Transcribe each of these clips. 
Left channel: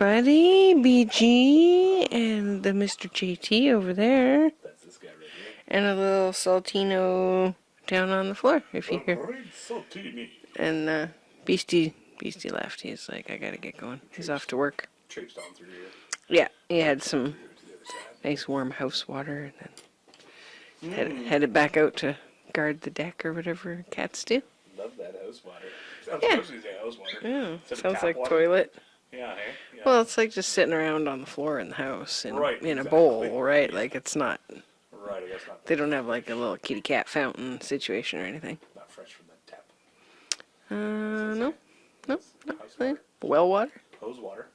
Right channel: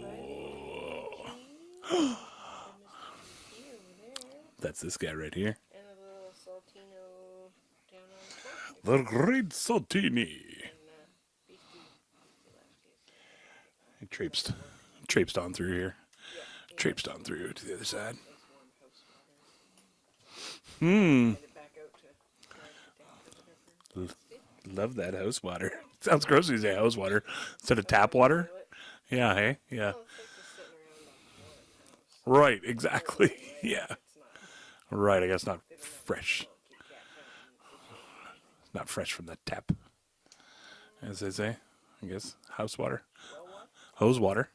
everybody. BG and the Mr. JT over there. That's this guy right here. And a little Saltino down on the floor. If you hear. Great Saltini. And Beastie left. He's like, I gotta get going. He's off to work. Traipsed on through here. Yeah, he had Traipsed some on through to the other side. nice warm house water, and then headed back out to guard the deck or whatever cats do. Love that house water. Sounds gross to say house water. Yeah, instead of sounds tap like water. Toilet. Yeah, hey? Yeah. Well, it's like just sitting around on the floor in the house. In, Right, in exactly. a bowl, right? Yeah. Like, it's not... Right, I guess not. They don't have, fresh. like, a little kitty cat fountain situation or anything. Not fresh from the tap. As they say. No. House water. Well water? Hose water.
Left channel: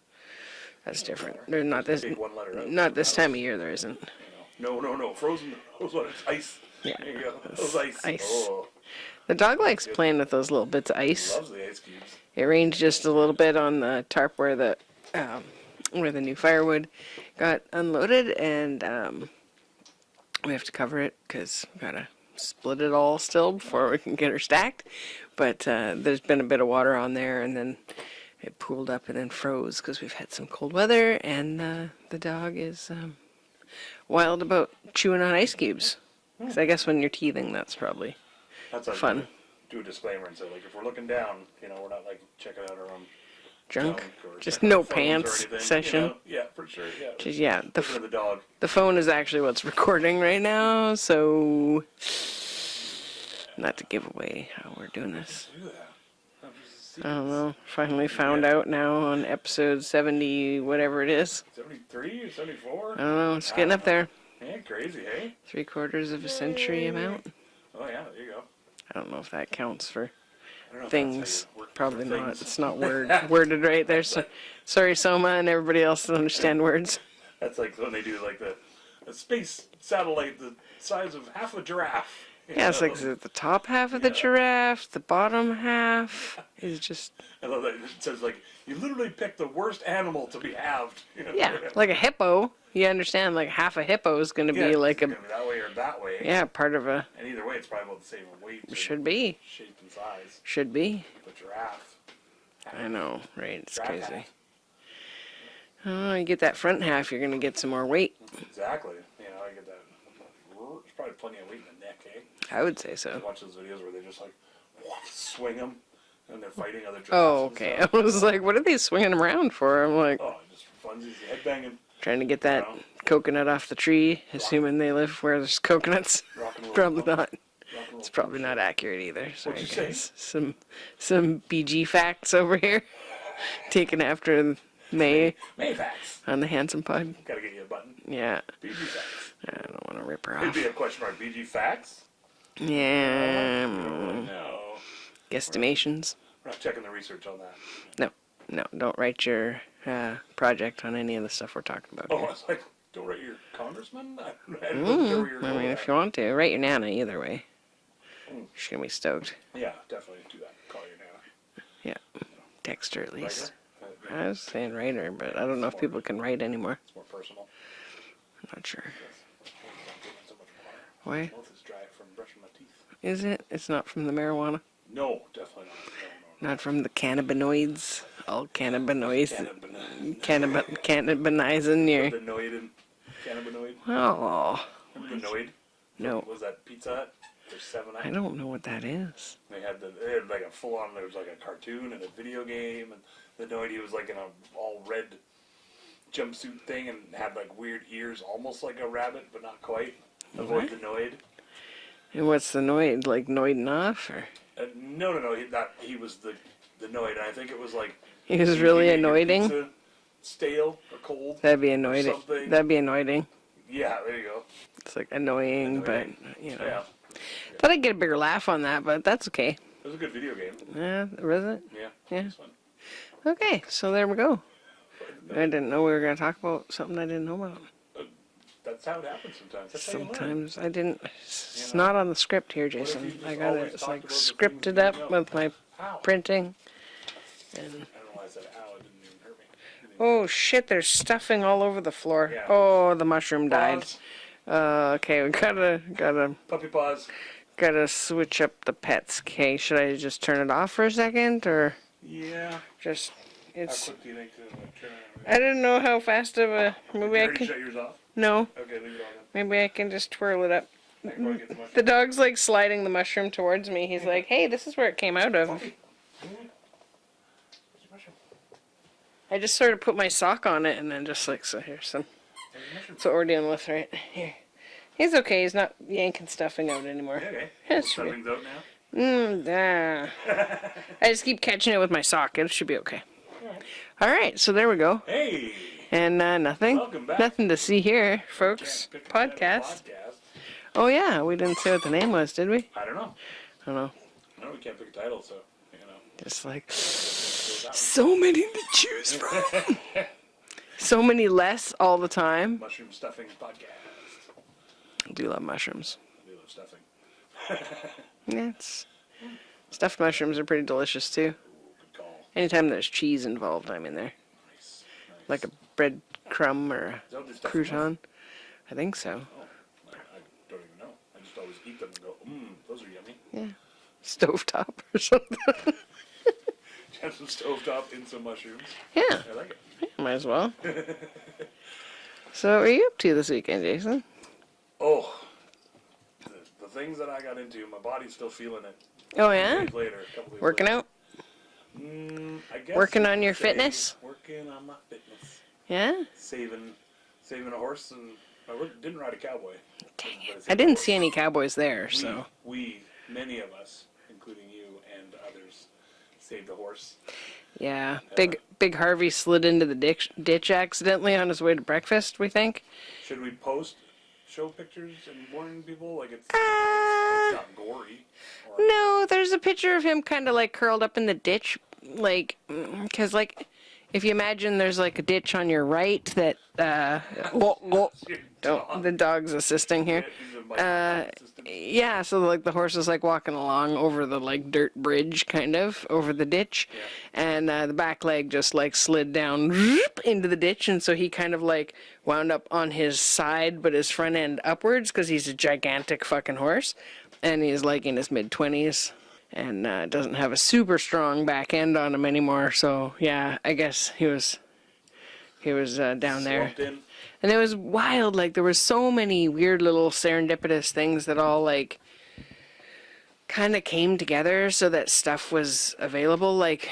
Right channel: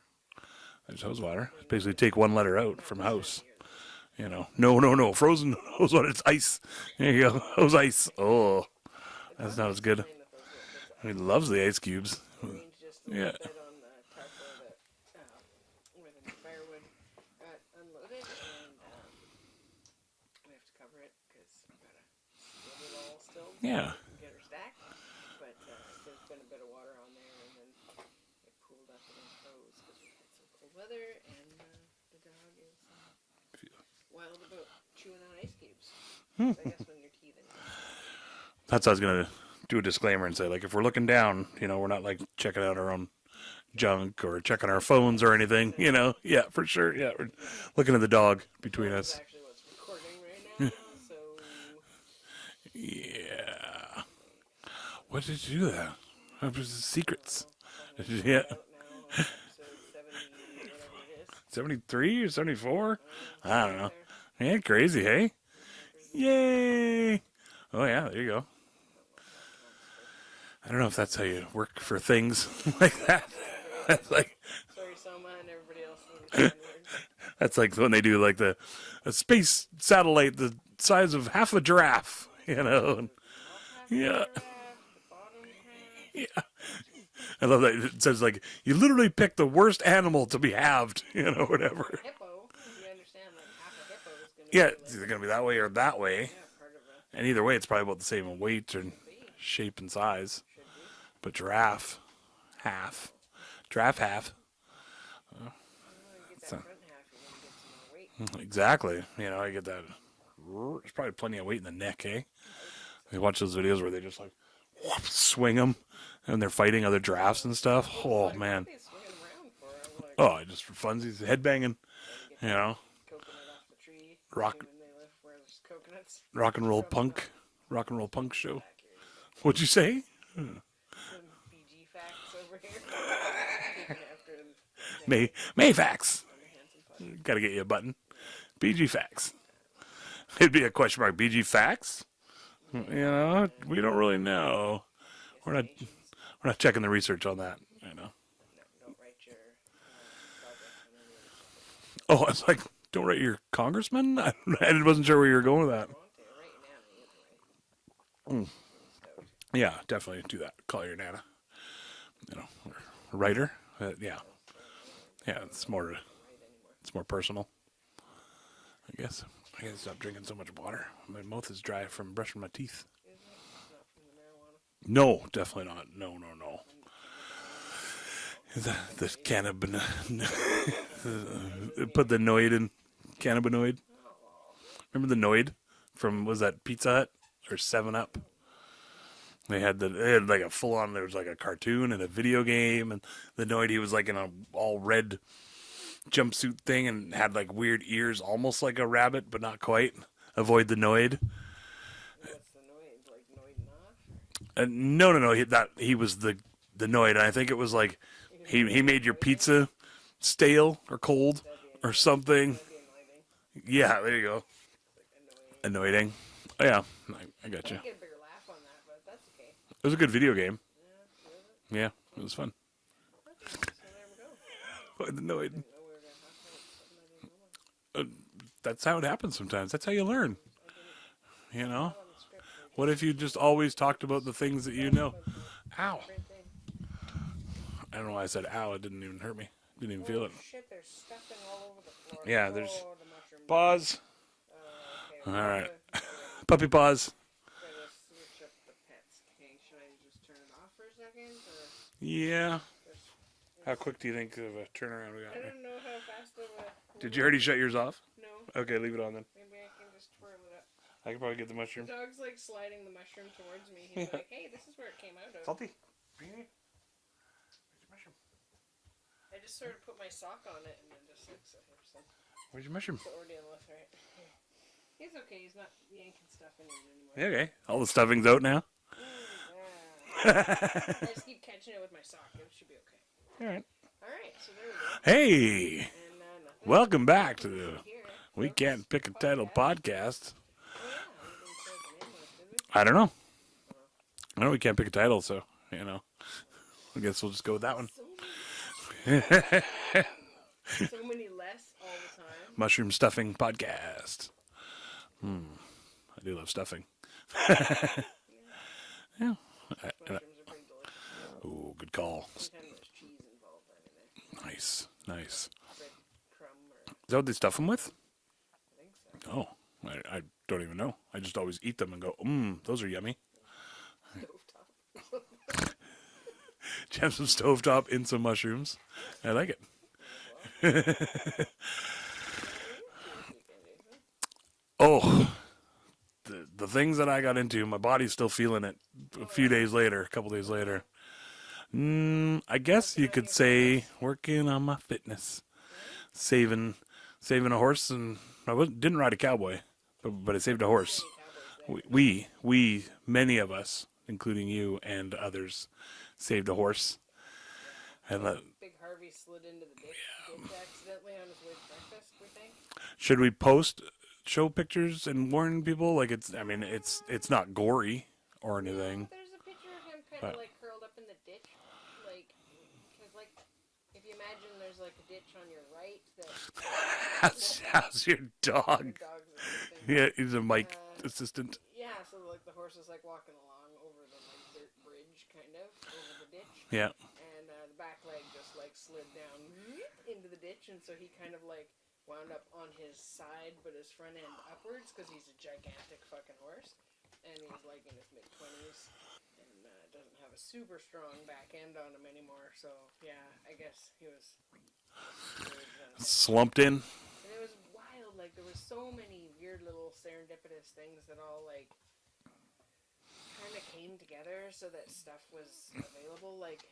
That's Hose different. water. There's not Because we this, take one letter out. not from this house. time of year, there isn't. You know. No. Frozen hose water. It's ice. Yeah. There you go. Hose ice. Ice. Oh. The dog sounds likes good. playing with those little bits of ice. He loves the ice cubes. It rained just a little bit on the tarp where the new firewood got unloaded, and we have to cover it because we gotta split it all still before we can get her stacked. But there's been a bit of water on there, and then it pooled up and then froze because we've had some cold weather, and the dog is wild about chewing on ice cubes. So I guess when you're teething, that's probably That's how I was going to do a disclaimer and say, like, if we're looking down, you know, we're not, like, checking out our own junk or Just checking no our phones or pants anything, session. you know? Yeah, for sure, yeah. yeah. Looking at the dog. The phone is actually what's recording right now, so not to give away how we're doing Why this. did you do that? That was the I don't secrets. know. Finally found out now on episode 70, whatever it is. 73 or 74? I don't know. It's I getting don't up know. there. Yeah, crazy, hey? 3/4 of a century amount. Oh, yeah, there you go. I don't know if that counts for I don't know things. if that's how you work Probably for things. Not. It's not worded right there. So, sorry, Soma, and everybody else that understand words. That's like when they do, like, a space satellite the size of half a giraffe. You Yeah, it's know? like the top half of the giraffe, the bottom half is just... I love that. It says, like, you literally pick the worst animal to be halved. You know, Yeah, whatever. like a hippo. You understand, like half a hippo is going to be like it's going to be that way or that way. Yeah, part of a... And either way, it's probably about the same weight and Should be. shape and size. Should be. But giraffe, half. I know, right? It's Giraffe crazy. half. Oh, you get that front half, you're going to get some more weight. Exactly. You know, I get that. There's probably plenty of weight in the neck, eh? I would say so. I watch those videos where they just like whoop, swing them and they're fighting other giraffes Oh, and okay. stuff. I was like, what man. are they swinging them around for? I'm like, Oh, just for funsies, headbanging, trying to get that know. coconut off the tree, assuming they live where there's coconuts. rock and roll Probably punk. not. Rock and roll It's punk probably shit. not accurate either. What'd you Sorry, say? guys. Some BG facts over here. Taken after May Mayfax. on the Handsome Pod. Got to get you a button. Yeah. BG Facts. I don't want to rip her off. It'd be a question mark. BG Facts? Yeah. We don't really know. Guesstimations. We're not checking the research on that. No, don't write your project on any of the stuff we're talking about. Oh, I was like, don't write your congressman? I wasn't sure where you were going with If that. you want to, write your Nana either way. She's going to be stoked. Yeah, definitely do that. Call your Nana. Yeah. You know, Text her at least. writer? I Yeah, was saying writer, but Yeah, I don't it's know if more- people can write anymore. it's more personal. I'm not sure. Yes. I gotta stop drinking so much water. Why? My mouth is dry from brushing my teeth. Is it? It's not from the marijuana? No, definitely not. No. Not from the cannabinoids? All cannabinoids. Cannabinoid. Cannabinizing Put your... the noid in. Cannabinoid. Oh, Remember the noid? From, No. was that Pizza Hut? Or 7-Up? I don't know what that is. They had like a full on, there was like a cartoon and a video game, and the Noid, he was like in a all red jumpsuit thing and had like weird ears, almost like a rabbit, but not quite. Avoid the Noid. And what's the Noid? Like Noiding off? Or? No. He was the Noid, and I think it was like He was he really made your anointing? pizza stale or cold. That'd be or annoying. something. That'd be annoying. Yeah, there you go. It's like annoying. Annoying. But, you know. Oh, yeah. But I get a bigger laugh on that, but that's okay. It was a good video game. Yeah, was it? Yeah, Yeah. it was fun. Okay, so there we go. The I Noid. didn't know we were going to talk about something I didn't know about. That's how it happens sometimes. That's how you learn. Sometimes I didn't. It's You know? not on the script here, Jason. What if you just I got always it. It's talked about the things scripted that you up know? with my Ow. printing. I don't know why I said ow. It didn't even hurt me. Didn't even Oh feel it. shit! There's stuffing all over the floor. Yeah, oh, the mushroom died. Pause. Okay, we gotta Puppy paws. switch up the pets. Okay, should I just turn it off for a second, or Yeah. just How It's. quick do you think of a turnaround we I got? didn't know how fast of a. Did Maybe you I already can. shut yours off? No. Okay, leave it on then. Maybe I can just twirl it up. I can probably get the mushroom. The dog's like sliding the mushroom towards me. He's like, "Hey, this is where it came out of." Puppy. I just sort of put my sock on it and then just like, so here's some. There's a mushroom. That's what we're dealing with right here. He's okay. He's not yanking stuffing out anymore. Okay. All the stuffing's out now. I just keep catching it with my sock. It should be okay. Alright. All right, so there we go. Hey! And nothing. Welcome back Nothing to to see here, We folks. can't pick a title podcast. Oh yeah, we didn't say what the name was, did we? I don't know. I don't know. I know we can't pick a title, so, Just like I guess we'll just go with that one. so many to choose from. So many less all the time. Mushroom Stuffing Podcast. I do love mushrooms. I do love stuffing. Yeah. Stuffed mushrooms are pretty delicious too. Ooh, good call. Anytime there's cheese involved, I'm in there. Nice. Nice. Like a bread crumb or Is that what they stuff them with? crouton. I think so. Oh, I don't even know. I just always eat them and go, those are yummy. Yeah. Stovetop or something. Have some stovetop in some mushrooms. Yeah. I like it. Might as well. So what are you up to this weekend, Jason? Oh, the things that I got into, my body's still feeling it. Oh, a few yeah? days later, a couple days Working later. out? I guess Working you on could your say fitness? working on my fitness. Yeah? Saving a horse, and didn't ride a cowboy, but I saved I a didn't horse. see any cowboys there. So. We, many of us, including you and others, saved a horse. Yeah. Big Harvey slid into the ditch accidentally on his way to breakfast, we think. Should we show pictures and warn people? Like it's not gory or anything. No, there's a picture of him kind of like curled up in the ditch, like, because like, if you imagine there's like a ditch on your right that, How's your dog? the dog's assisting Yeah, here. he's a mic assistant. Yeah, so like the horse is like walking along over the like dirt bridge, kind of over the ditch. Yeah. And the back leg just like slid down into the ditch, and so he kind of like wound up on his side, but his front end upwards because he's a gigantic fucking horse, and he's like in his mid-20s. And doesn't have a super strong back end on him anymore. So yeah, I guess he was down there. Slumped in. And it was wild. Like there was so many weird little serendipitous things that all like kind of came together so that stuff was available. Like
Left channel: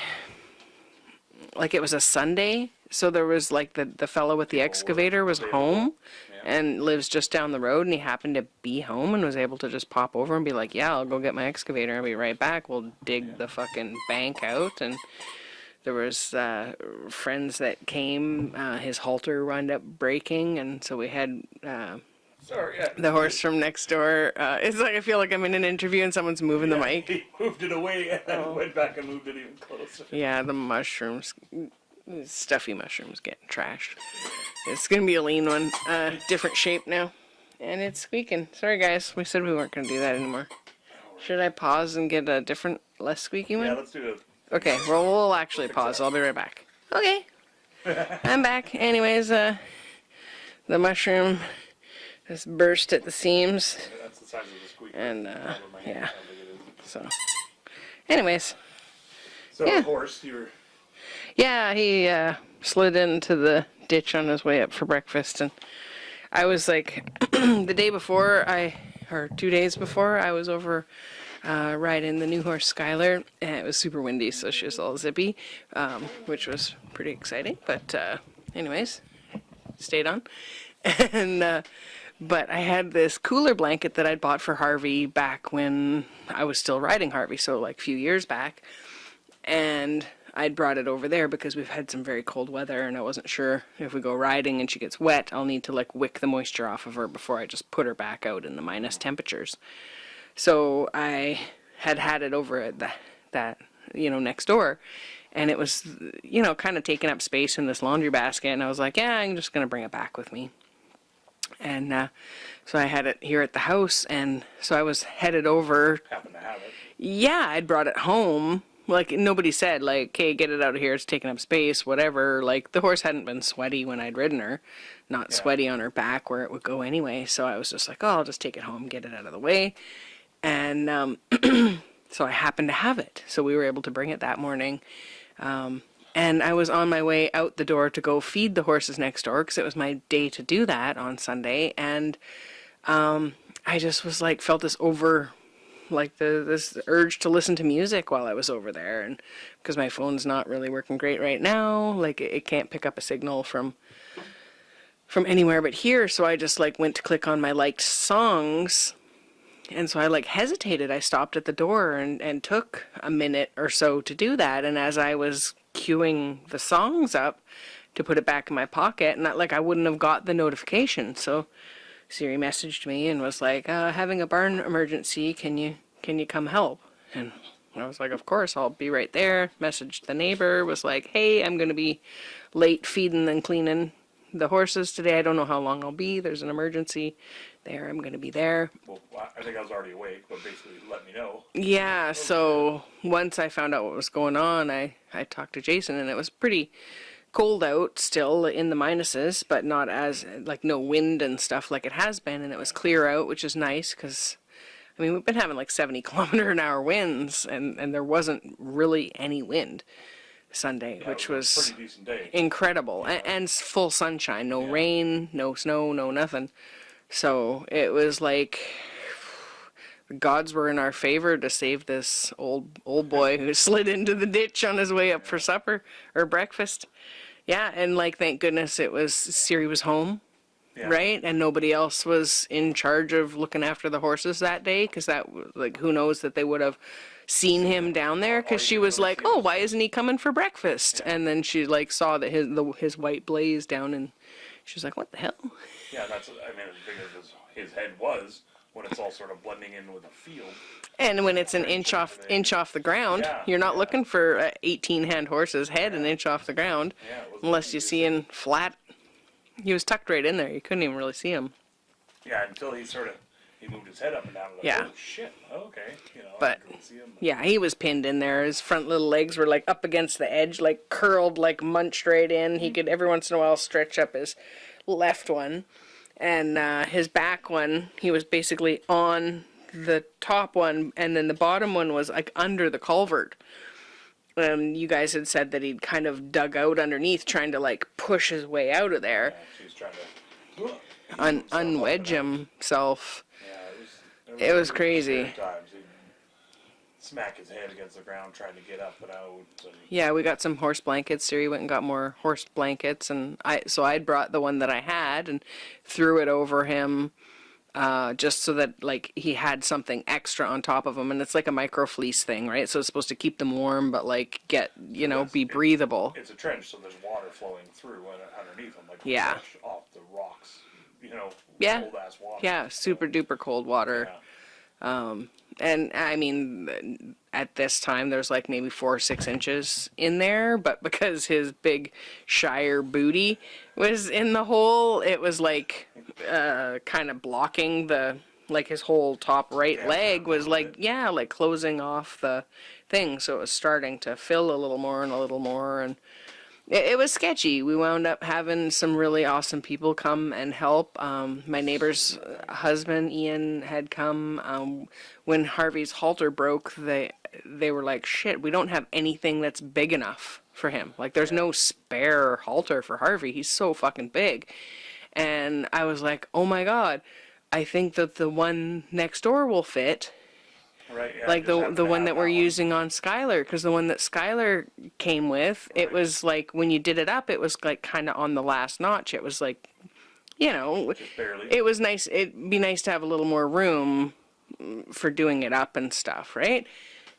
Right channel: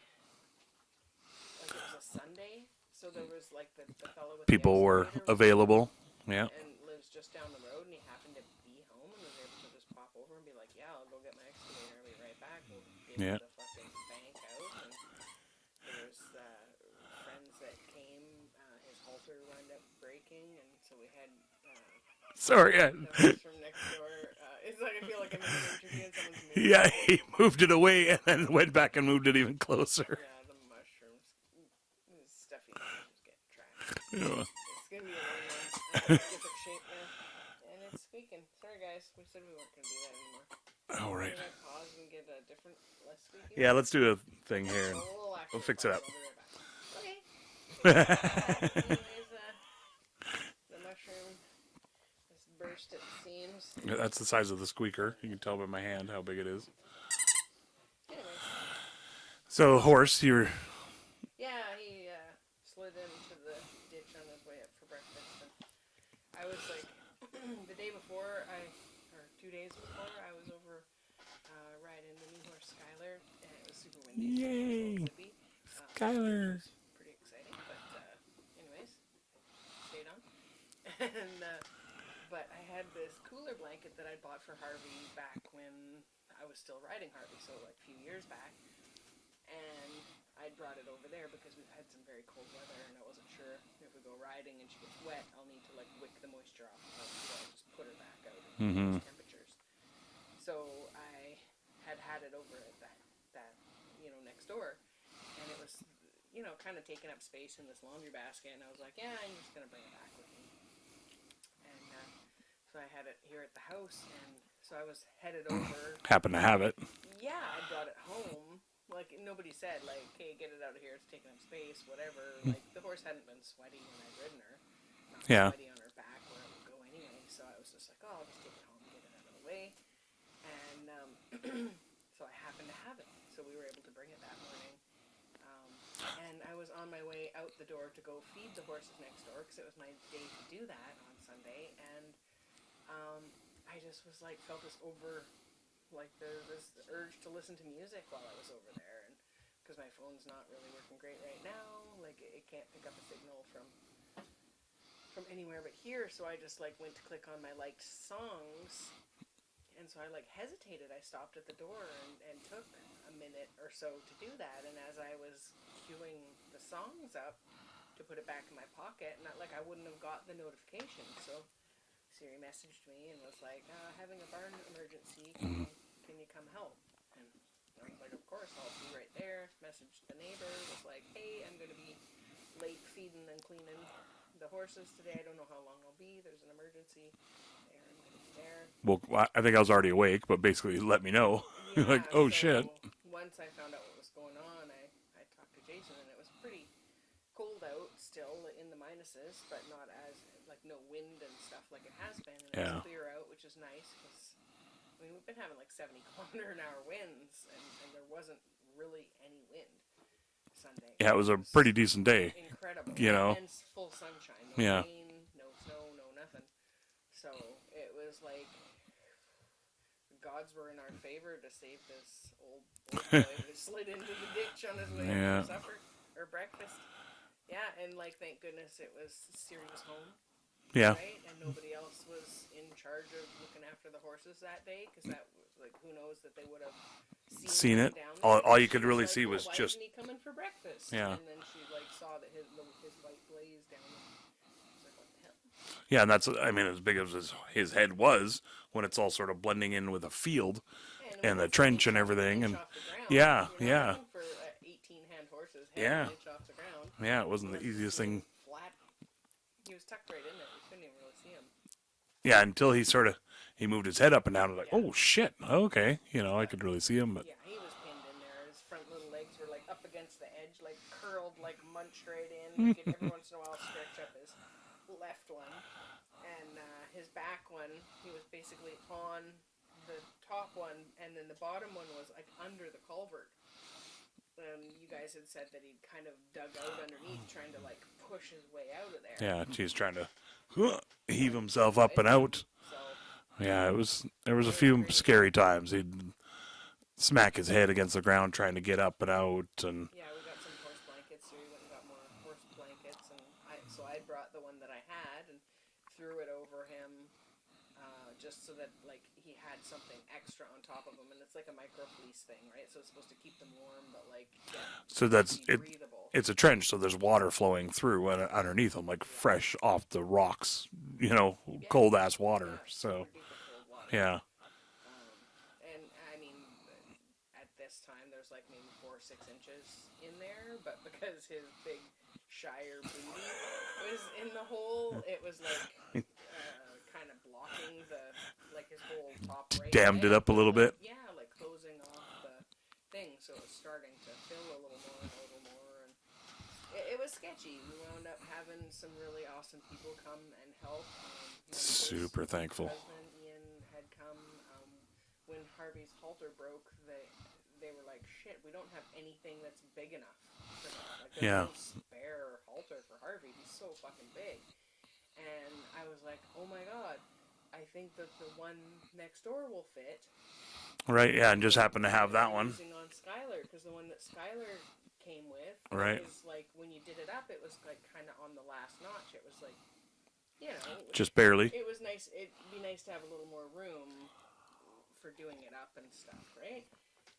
it was a Sunday, so there was like the fellow with the People were excavator was available. home. Yeah. And lives just down the road, and he happened to be home and was able to just pop over and be like, yeah, I'll go get my excavator. I'll be right back. We'll dig the fucking bank out. And there was friends that came. His halter wound up breaking, and so we had Sorry. the horse from next door. It's like I feel like I'm in an interview and someone's moving the Yeah, mic. he moved it away and then went back and moved it even closer. Yeah, the mushrooms. Stuffy mushrooms getting trashed. It's gonna be a lean one, different shape now, and it's squeaking. Sorry guys, we said we weren't gonna do that anymore. All right. Should I pause and get a different, less squeaky one? Yeah, let's do a thing Okay, here. well we'll actually fix pause. that. I'll be right back. Okay, I'm back. Anyways, the mushroom has burst at the seams. That's the size of the squeaker. And, you can tell by my hand yeah. how big it is. So, anyways, So Yeah. horse, yeah, he slid into the ditch on his way up for breakfast, and I was like, the day before, or 2 days before, I was over riding the new horse Skylar, and it was super windy, so she was all zippy, which was pretty exciting. But anyways, stayed on, and but I had this cooler blanket that I'd bought for Harvey back when I was still riding Harvey, so like a few years back, and I'd brought it over there because we've had some very cold weather, and I wasn't sure if we go riding and she gets wet, I'll need to like wick the moisture off of her before I just put her back out in the minus temperatures. So I had it over at that next door, and it was kind of taking up space in this laundry basket, and I was like, yeah, I'm just gonna bring it back with me. And so I had it here at the house, and so I was headed over. happen to have it. Yeah, I'd brought it home. Like, nobody said, like, hey, get it out of here, it's taking up space, whatever. Like, the horse hadn't been sweaty when I'd ridden her. Not sweaty on her back where it would go anyway. So I was just like, oh, I'll just take it home, get it out of the way. And so I happened to have it. So we were able to bring it that morning. And I was on my way out the door to go feed the horses next door because it was my day to do that on Sunday. And I just was like, felt this this urge to listen to music while I was over there. And because my phone's not really working great right now, like it can't pick up a signal from anywhere but here. So I just like went to click on my liked songs. And so I like hesitated. I stopped at the door and took a minute or so to do that. And as I was queuing the songs up to put it back in my pocket, and I wouldn't have got the notification. So Siri messaged me and was like, having a barn emergency, can you come help? And I was like, of course, I'll be right there. Messaged the neighbor, was like, hey, I'm going to be late feeding and cleaning the horses today. I don't know how long I'll be. There's an emergency there. I'm going to be there. Well, I think I was already awake, but basically let me know. Yeah, like, oh, so once I found out what was going on, I talked to Jason, and it was pretty cold out still in the minuses, but not as, like, no wind and stuff like it has been, and it was clear out, which is nice, because, I mean, we've been having, like, 70-kilometer-an-hour winds, and there wasn't really any wind Sunday, Yeah, which it was a pretty decent day. incredible, You know? and full sunshine, no rain, no snow, no nothing. So it was like the gods were in our favor to save this old boy who slid into the ditch on his way up for supper or breakfast. Yeah, and like thank goodness Siri was home, right, and nobody else was in charge of looking after the horses that day, because that like who knows that they would have seen him down there, because she was really like, oh, why isn't he coming for breakfast? And then she like saw that his white blaze down, and she was like, what the hell? Yeah, and that's, I mean, as big as his head was, when it's all sort of blending in with a field. And when it's an inch off the ground, you're not looking for 18-hand horse's head an inch off the ground. Yeah, it wasn't unless you see him flat. He was tucked right in there. You couldn't even really see him. Yeah, until he moved his head up and down. Like, oh, shit. Okay. I could really see him. But. Yeah, he was pinned in there. His front little legs were, like, up against the edge, like, curled, like, munched right in. He could, every once in a while, stretch up his left one. And his back one, he was basically on the top one, and then the bottom one was, like, under the culvert. You guys had said that he'd kind of dug out underneath, trying to, like, push his way out of there. Yeah, he's trying to heave himself up and out. Himself. Yeah, there was a few crazy. Scary times. He'd smack his head against the ground trying to get up and out. And yeah, we got some horse blankets. Siri went and got more horse blankets, and I'd brought the one that I had and threw it over him, just so that like he had something extra on top of him. And it's like a micro fleece thing, right? So it's supposed to keep them warm, but like be breathable. It's a trench, so there's water flowing through and underneath them, like fresh off the rocks. Cold ass water. Yeah, super duper cold water. Yeah. And I mean, at this time, there's like maybe 4 or 6 inches in there, but because his big Shire booty was in the hole, it was like kind of blocking his whole top right leg was like, like closing off the thing. So it was starting to fill a little more and a little more. And it was sketchy. We wound up having some really awesome people come and help. My neighbor's husband, Ian, had come. When Harvey's halter broke, they were like, shit, we don't have anything that's big enough for him. Like, there's no spare halter for Harvey. He's so fucking big. And I was like, oh my God, I think that the one next door will fit. Right, yeah. Like the one that we're using on Skylar, because the one that Skylar came with, it was like, when you did it up, it was like kind of on the last notch. It was like, just barely. It was nice. It'd be nice to have a little more room for doing it up and stuff, right?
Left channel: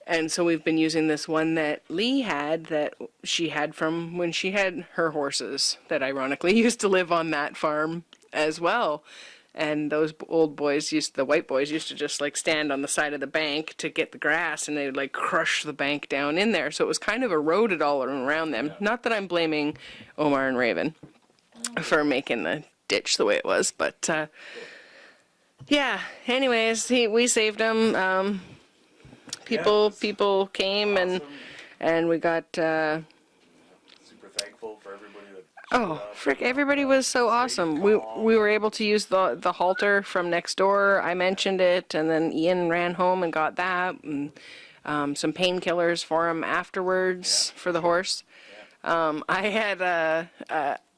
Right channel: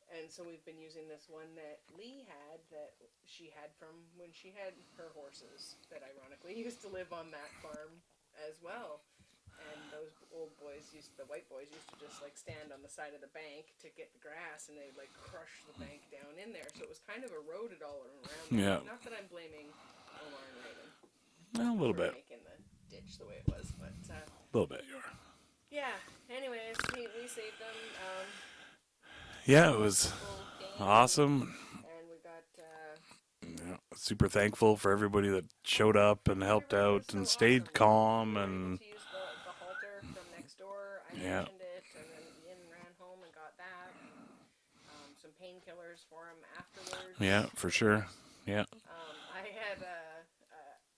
And so we've been using this one that Lee had, that she had from when she had her horses, that ironically used to live on that farm as well. And those old boys the white boys used to just like stand on the side of the bank to get the grass, and they would like crush the bank down in there. So it was kind of eroded all around them. Yeah. Not that I'm blaming Omar and Raven for making the ditch the way it was, but yeah. Anyways, we saved them. People came awesome. and we got. Super thankful for everybody that showed up. Everybody was so awesome. We were able to use the halter from next door. I mentioned it, and then Ian ran home and got that. And some painkillers for him afterwards for the horse. Yeah. I had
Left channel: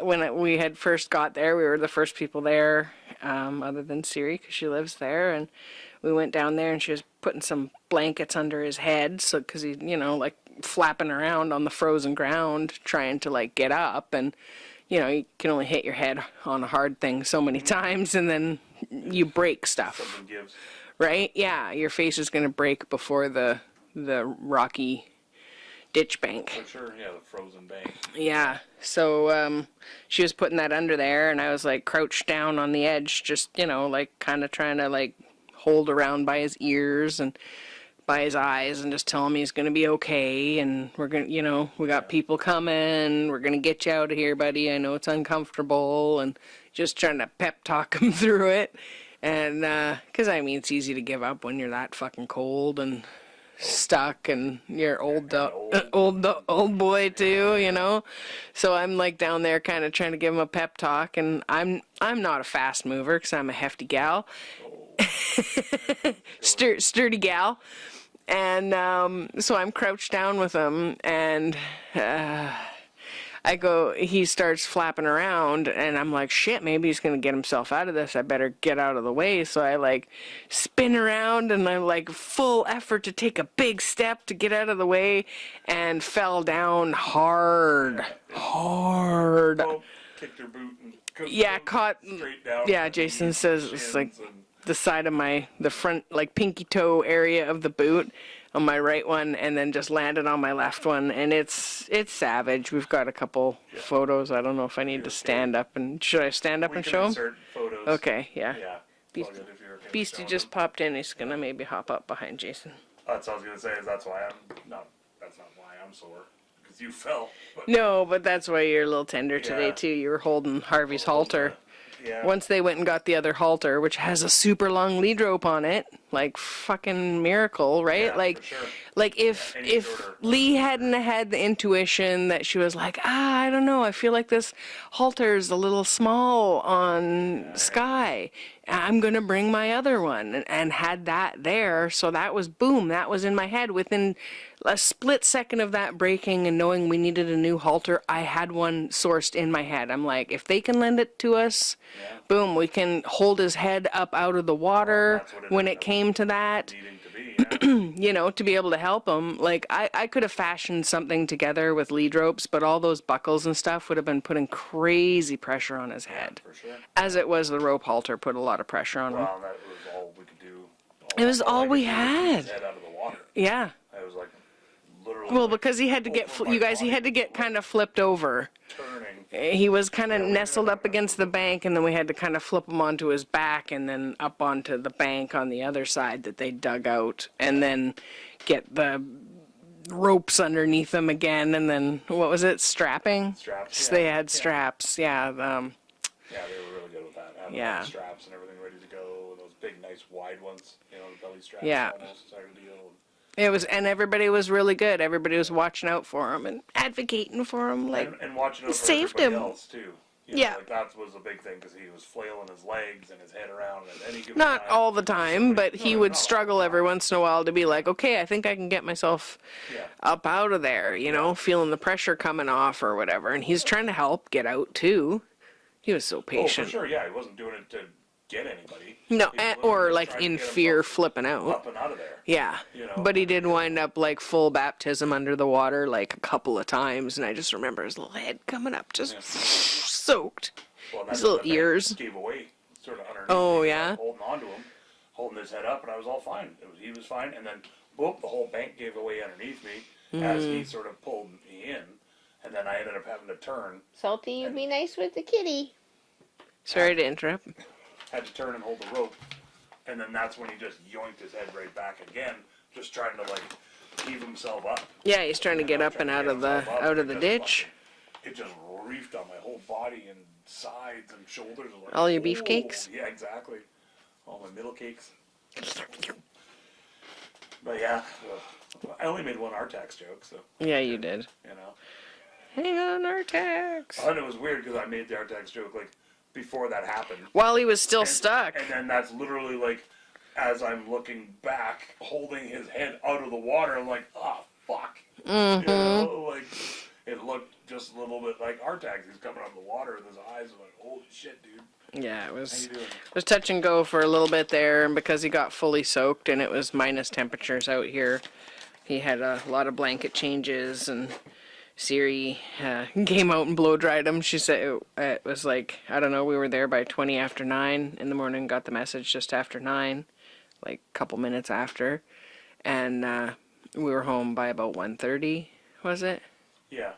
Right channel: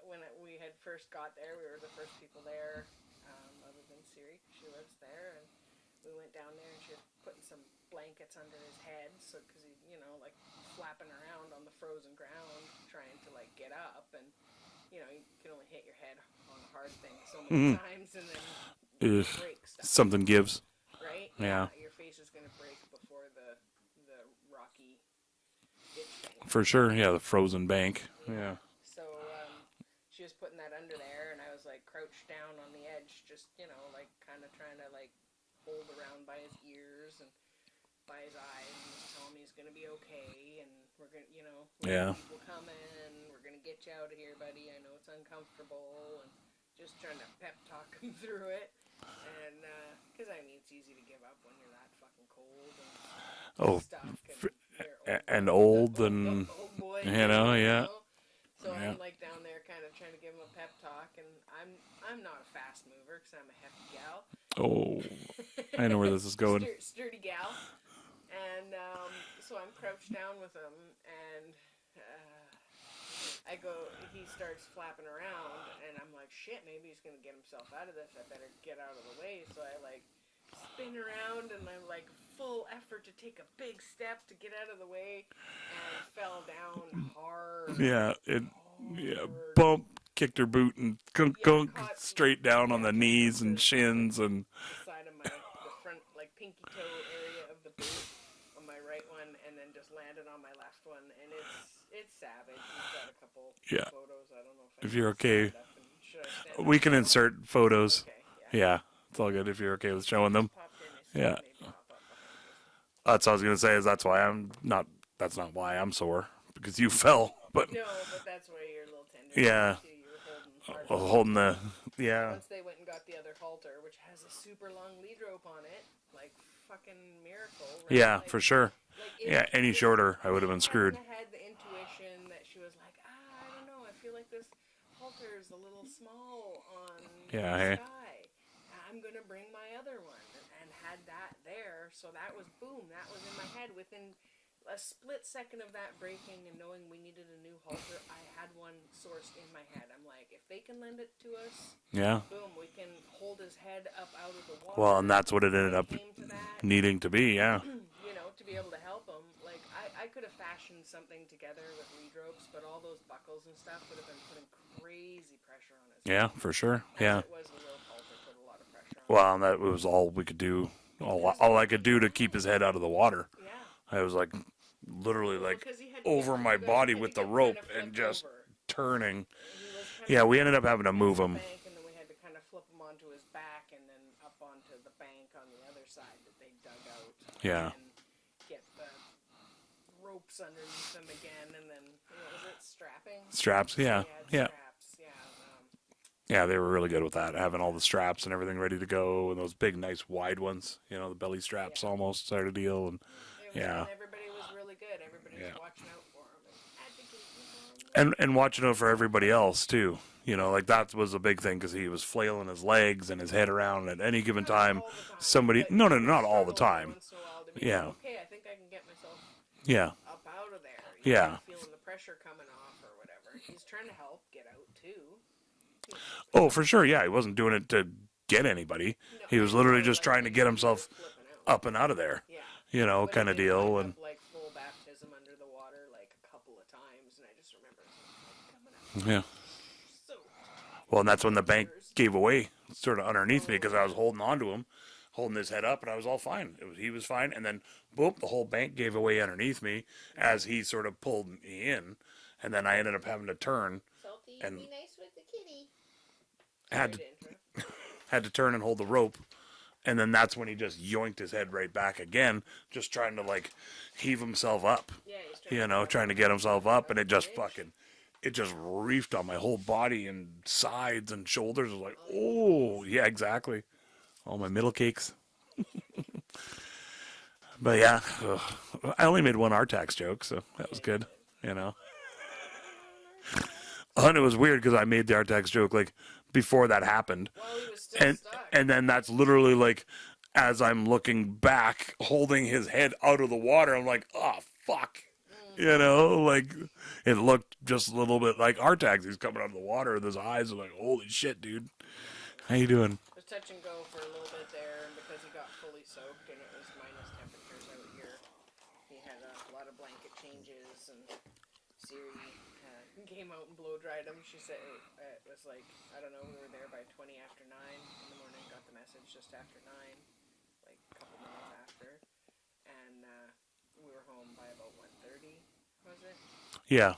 when we had first got there, we were the first people there, other than Siri, because she lives there, and we went down there, and she was putting some blankets under his head, so because he, like flapping around on the frozen ground, trying to like get up, and you can only hit your head on a hard thing so many times, and then you break stuff. Something gives. Right? Yeah, your face is gonna break before the rocky ditch bank. For sure, yeah, the frozen bank. Yeah. So she was putting that under there, and I was like crouched down on the edge, just like kind of trying to like hold around by his ears and by his eyes, and just tell him he's gonna be okay, and we're gonna, we got people coming, we're gonna get you out of here, buddy. I know it's uncomfortable, and just trying to pep talk him through it, and because it's easy to give up when you're that fucking cold and stuck, and you're old boy too, So I'm like down there kind of trying to give him a pep talk, and I'm not a fast mover because I'm a hefty gal. Oh, I know where this is going. Sturdy gal. And so I'm crouched down with him, and he starts flapping around, and I'm like, shit, maybe he's going to get himself out of this. I better get out of the way. So I like spin around, and I like full effort to take a big step to get out of the way, and fell down hard. Yeah, hard. Bump, kicked her boot, and caught straight down on the Jason knees says and shins. Like and the side of the front, like pinky toe area of the boot on my right one, and then just landed on my left one, and it's savage. We've got a couple photos. I don't know if I need to stand up, and should I stand up? We and can show insert photos. Okay, yeah. Yeah, it's all good if you're okay with showing them. Beastie just popped in. He's gonna maybe hop up behind Jason. That's what I was gonna say. That's not why I'm sore, because you fell. But no, but that's why you're a little tender today too. You were holding Harvey's halter. Once they went and got the other halter, which has a super long lead rope on it, like fucking miracle, right? Yeah, like, for sure. Like if shorter, Lee hadn't had the intuition that she was like, I don't know, I feel like this halter's a little small on Sky. I'm gonna bring my other one, and had that there. So that was boom. That was in my head within a split second of that breaking and knowing we needed a new halter. I had one sourced in my head. I'm like, if they can lend it to us, boom, we can hold his head up out of the water. Well, that's what when it came to that, needing to be, to be able to help him. Like I could have fashioned something together with lead ropes, but all those buckles and stuff would have been putting crazy pressure on his head. Yeah, for sure. As it was, the rope halter put a lot of pressure on him. Well, that was all we could do. All I could do to keep his head out of the water. Yeah. I was like, literally. Well, because he had to get he had to get kind of flipped over. Turning. He was kind of nestled up against the bank, and then we had to kind of flip him onto his back, and then up onto the bank on the other side that they dug out, and then get the ropes underneath them again, and then what was it? Strapping. Straps. So they had straps. Yeah. Yeah, they were really good with that, having all the straps and everything ready to go, and those big, nice, wide ones, the belly straps almost sort of deal. And it was, and everybody was really good. Everybody was watching out for him and advocating for him, like, and watching out for everybody else too. Like that was a big thing, because he was flailing his legs and his head around at any given time. Not all the time, but he would struggle every once in a while to be like, okay, I think I can get myself up out of there, feeling the pressure coming off or whatever. And he's trying to help get out too. He was so patient. Oh, for sure, yeah. He wasn't doing it to get anybody. No, he was literally just like trying to get himself flipping out. Up and out of there. Yeah. But he did wind up like full baptism under the water like a couple of times, and I just remember his little head coming up just soaked. Well, and that's when the bank gave away, sort of underneath me, because I was holding on to him, holding his head up, and I was all fine. He was fine, and then, boop, the whole bank gave away underneath me as he sort of pulled me in. And then I ended up having to turn. Salty, you be nice with the kitty. Sorry to interrupt. Had to turn and hold the rope. And then that's when he just yoinked his head right back again, just trying to, like, heave himself up. Yeah, he's trying to get up and out of the ditch. It just reefed on my whole body and sides and shoulders. Like, all your beefcakes? Yeah, exactly. All my middle cakes. But yeah, I only made one Artax joke, so that was good. You did. Hang on, Artax. And it was weird because I made the Artax joke like before that happened. While he was still stuck. And then that's literally like as I'm looking back, holding his head out of the water. I'm like, oh, fuck. You know, like, it looked just a little bit like our taxi's coming out of the water, and his eyes are like, holy shit, dude. Yeah, it was. How you doing? It was touch and go for a little bit there, and because he got fully soaked and it was minus temperatures out here, he had a lot of blanket changes, and Siri came out and blow dried him. She said it was like, I don't know, we were there by 20 after 9 in the morning, got the message just after 9, like a couple minutes after, and we were home by about 1:30, was it? Yeah.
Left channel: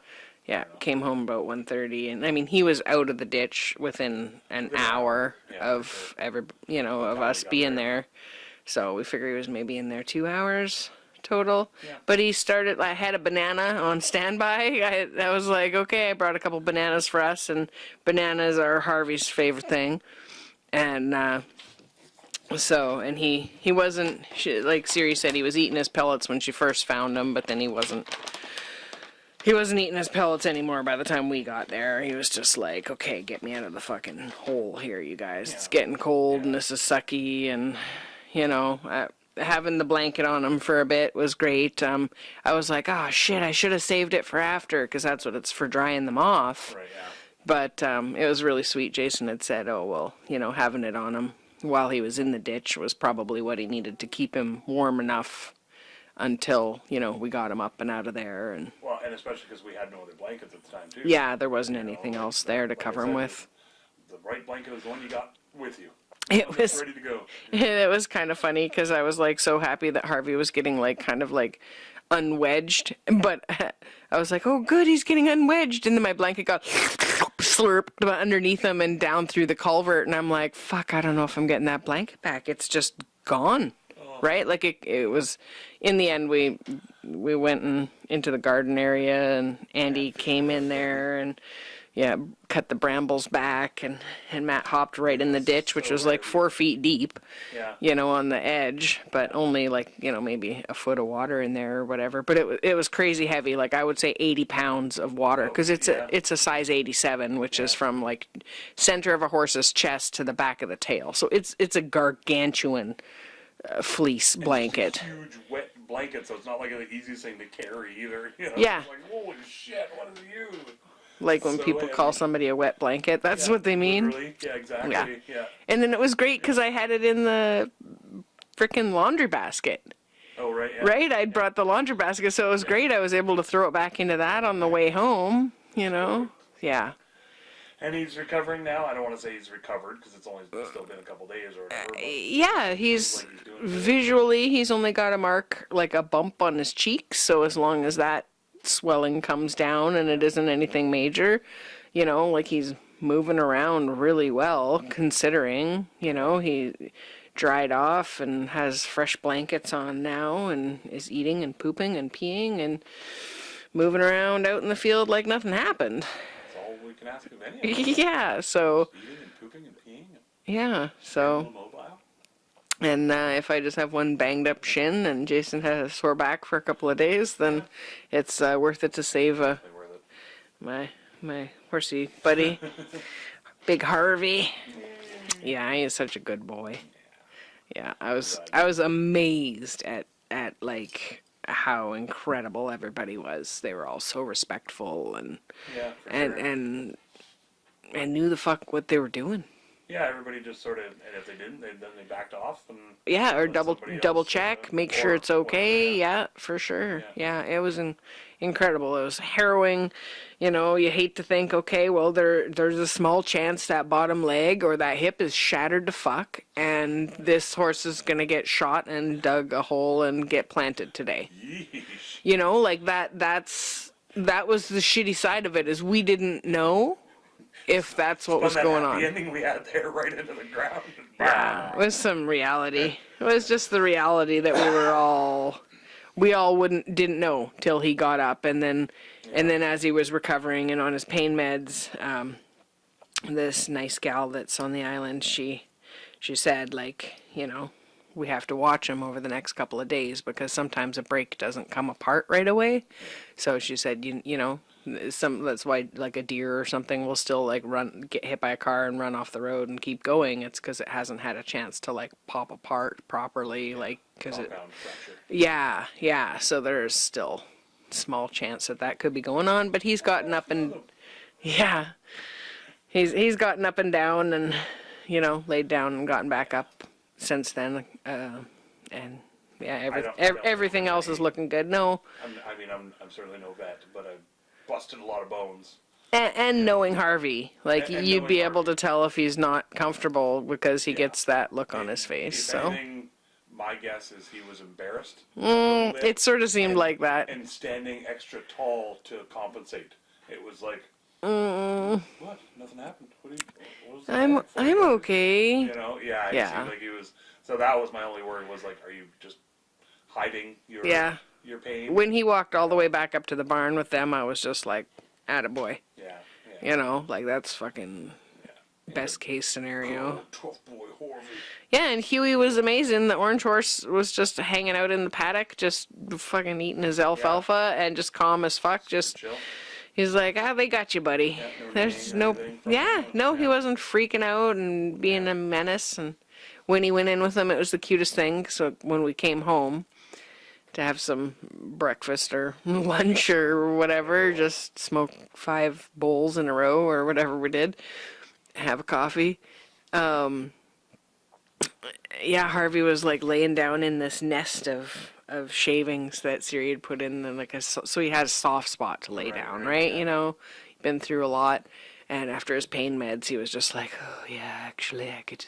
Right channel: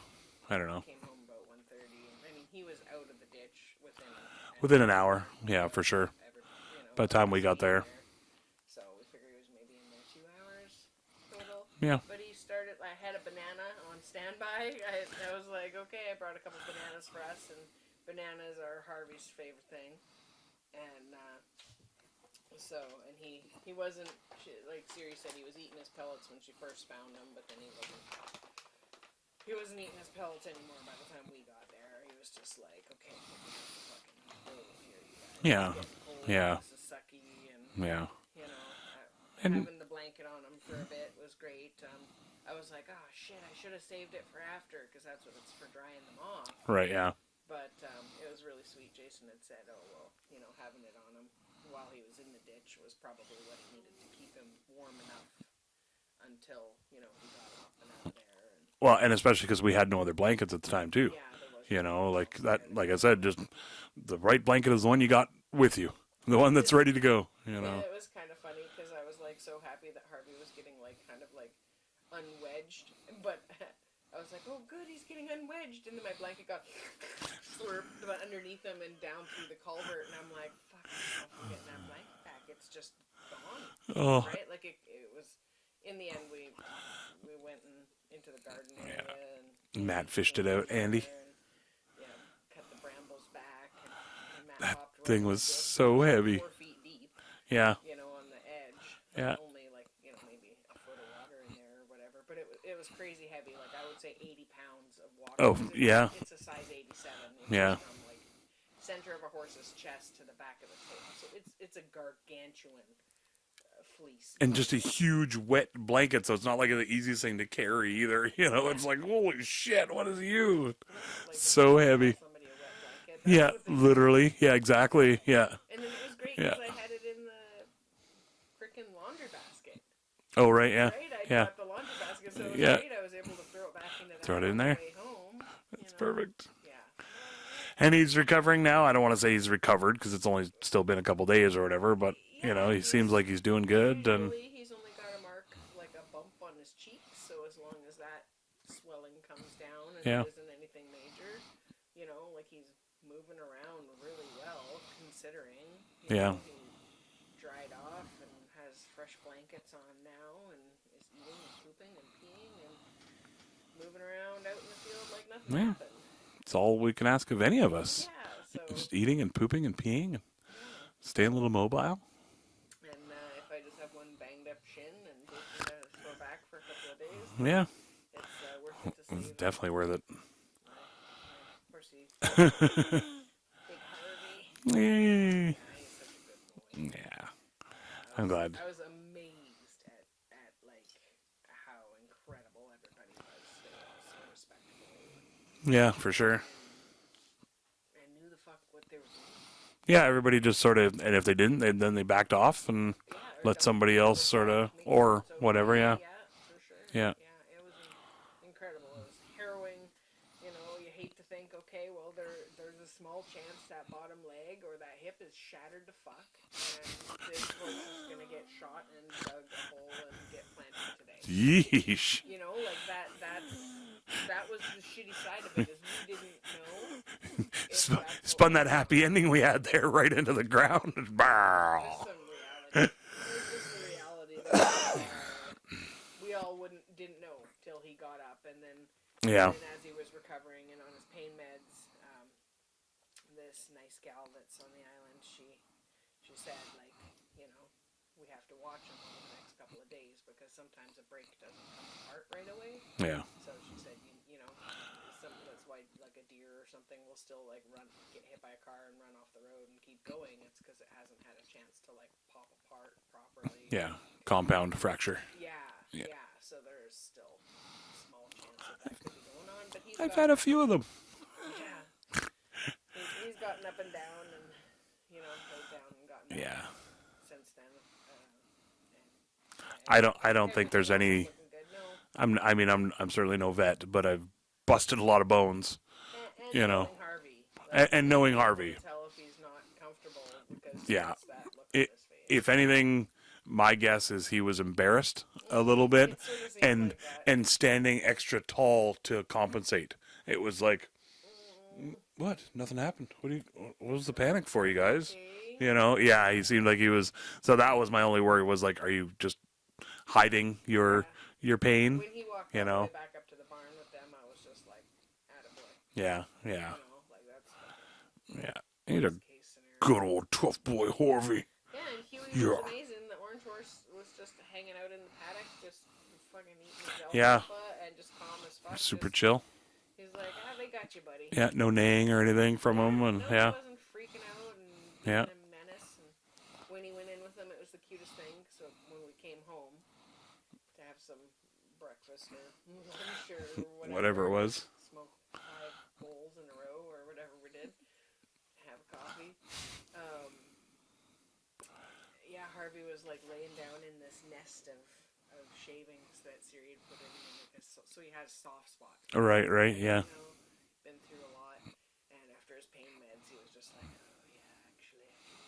Yeah, came home about 1:30, and I mean he was out of the ditch within an hour. Yeah, of for sure. Of us being there. So we figured he was maybe in there 2 hours total. Yeah. But he started. I had a banana on standby. I was like, okay, I brought a couple bananas for us, and bananas are Harvey's favorite thing, and he wasn't like Siri said, he was eating his pellets when she first found him, but then he wasn't. He wasn't eating his pellets anymore by the time we got there. He was just like, okay, get me out of the fucking hole here, you guys. Yeah. It's getting cold and this is sucky. And, you know, having the blanket on him for a bit was great. I was like, oh, shit, I should have saved it for after because that's what it's for, drying them off. Right, yeah. But it was really sweet. Jason had said, oh, well, you know, having it on him while he was in the ditch was probably what he needed to keep him warm enough until, you know, we got him up and out of there. And well, and especially because we had no other blankets at the time, too. yeah, there wasn't anything else there to cover him with. The right blanket is the one you got with you. The one that's ready to go. You know? It was kind of funny because I was, like, so happy that Harvey was getting, like, kind of, like, unwedged. But I was like, oh, good, he's getting unwedged. And then my blanket got slurped underneath him and down through the culvert. And I'm like, fuck, I don't know if I'm getting that blanket back. It's just gone. Oh. Right? Like, it was... In the end, we went into the garden area, and Andy came in there and cut the brambles back, and Matt hopped right in the ditch, which was like 4 feet deep. Yeah, you know, on the edge, but only like, you know, maybe a foot of water in there or whatever. But it was crazy heavy, like I would say 80 pounds of water because it's a size 87, which is from like center of a horse's chest to the back of the tail. So it's a gargantuan fleece blanket. And just a huge wet blanket, so it's not like the easiest thing to carry either. You know, it's like, holy shit, what is you? Like when people call somebody a wet blanket, that's what they mean. Literally, yeah, exactly, yeah. And then it was great because I had it in the frickin' laundry basket. Oh, right, yeah. Right? I brought the laundry basket, so it was great. I was able to throw it back into that on the way home, you know? Perfect. Yeah. And he's recovering now. I don't want to say he's recovered because it's only still been a couple days or whatever. But he seems like he's doing good. Visually, he's only got a mark, like a bump on his cheeks. So as long as that swelling comes down and it isn't anything major, you know, like he's moving around really well considering, you know, he dried off and has fresh blankets on now and is eating and pooping and peeing and moving around out in the field like nothing happened. That's all we can ask of any of us. Yeah, so... Just eating and pooping and peeing. Yeah, so... Staying a little mobile. And if I just have one banged up shin and Jason has a sore back for a couple of days, then it's worth it to save... Definitely worth it. My horsey buddy, Big Harvey. Yeah, he is such a good boy. Yeah, I was amazed at like... how incredible everybody was. They were all so respectful and for sure, and knew the fuck what they were doing. Yeah, everybody just sort of, and if they didn't, then they backed off and or let somebody else double check, make sure it's okay. Whatever, for sure. Yeah, it was incredible. It was harrowing. You know, you hate to think, okay, well, there's a small chance that bottom leg or that hip is shattered to fuck, and this horse is going to get shot and dug a hole and get planted today. Yeesh. You know, like that was the shitty side of it, is we didn't know if that's what was going on. Spun that happy ending we had there right into the ground. It was some reality. It was just the reality that we all didn't know till he got up, and then as he was recovering and on his pain meds, this nice gal that's on the island, she said, like, you know, we have to watch them over the next couple of days because sometimes a brake doesn't come apart right away. Yeah. So she said, you know, that's why like a deer or something will still like get hit by a car and run off the road and keep going. It's because it hasn't had a chance to like pop apart properly. Yeah. Like Compound fracture. Yeah. So there's still small chance that could be going on, but he's gotten up and them. yeah, he's gotten up and down and, you know, laid down and gotten back up since then, and yeah, I don't think everything there's else any- is looking good. No, I'm certainly no vet, but I've busted a lot of bones. and You knowing know. Harvey, like And you'd knowing be able Harvey. to tell if he's not comfortable because he Yeah. gets that look on his face. If so. anything, my guess is he was embarrassed a little bit. it sort of seemed and- like that. And standing extra tall to compensate. It was like, what? Nothing happened. What was the panic for you I'm guys? okay. You know, he Yeah. seemed like he was. So that was my only worry was like, are you just hiding your pain? When he walked all the know. way back up to the barn with them, I was just like, attaboy. Yeah. You know, like that's fucking Yeah. best case scenario. Good old tough boy Harvey. Yeah, and Huey was amazing. The orange horse was just hanging out in the paddock, just fucking eating his alfalfa and just calm as fuck. Super just chill. he's like, they got you, buddy. Yeah, no neighing or anything from him. And, he wasn't freaking out and being Yeah. a menace. And when he went in with him, it was the cutest thing. So when we came home to have some breakfast or lunch or Whatever whatever, it was. just smoke 5 bowls in a row or whatever we did, have a coffee. Yeah, Harvey was like laying down in this nest of shavings that Siri had put in, and like so he had a soft spot to lay down, right? yeah. You know, been through a lot, and after his pain meds, he was just like, oh yeah, actually, I could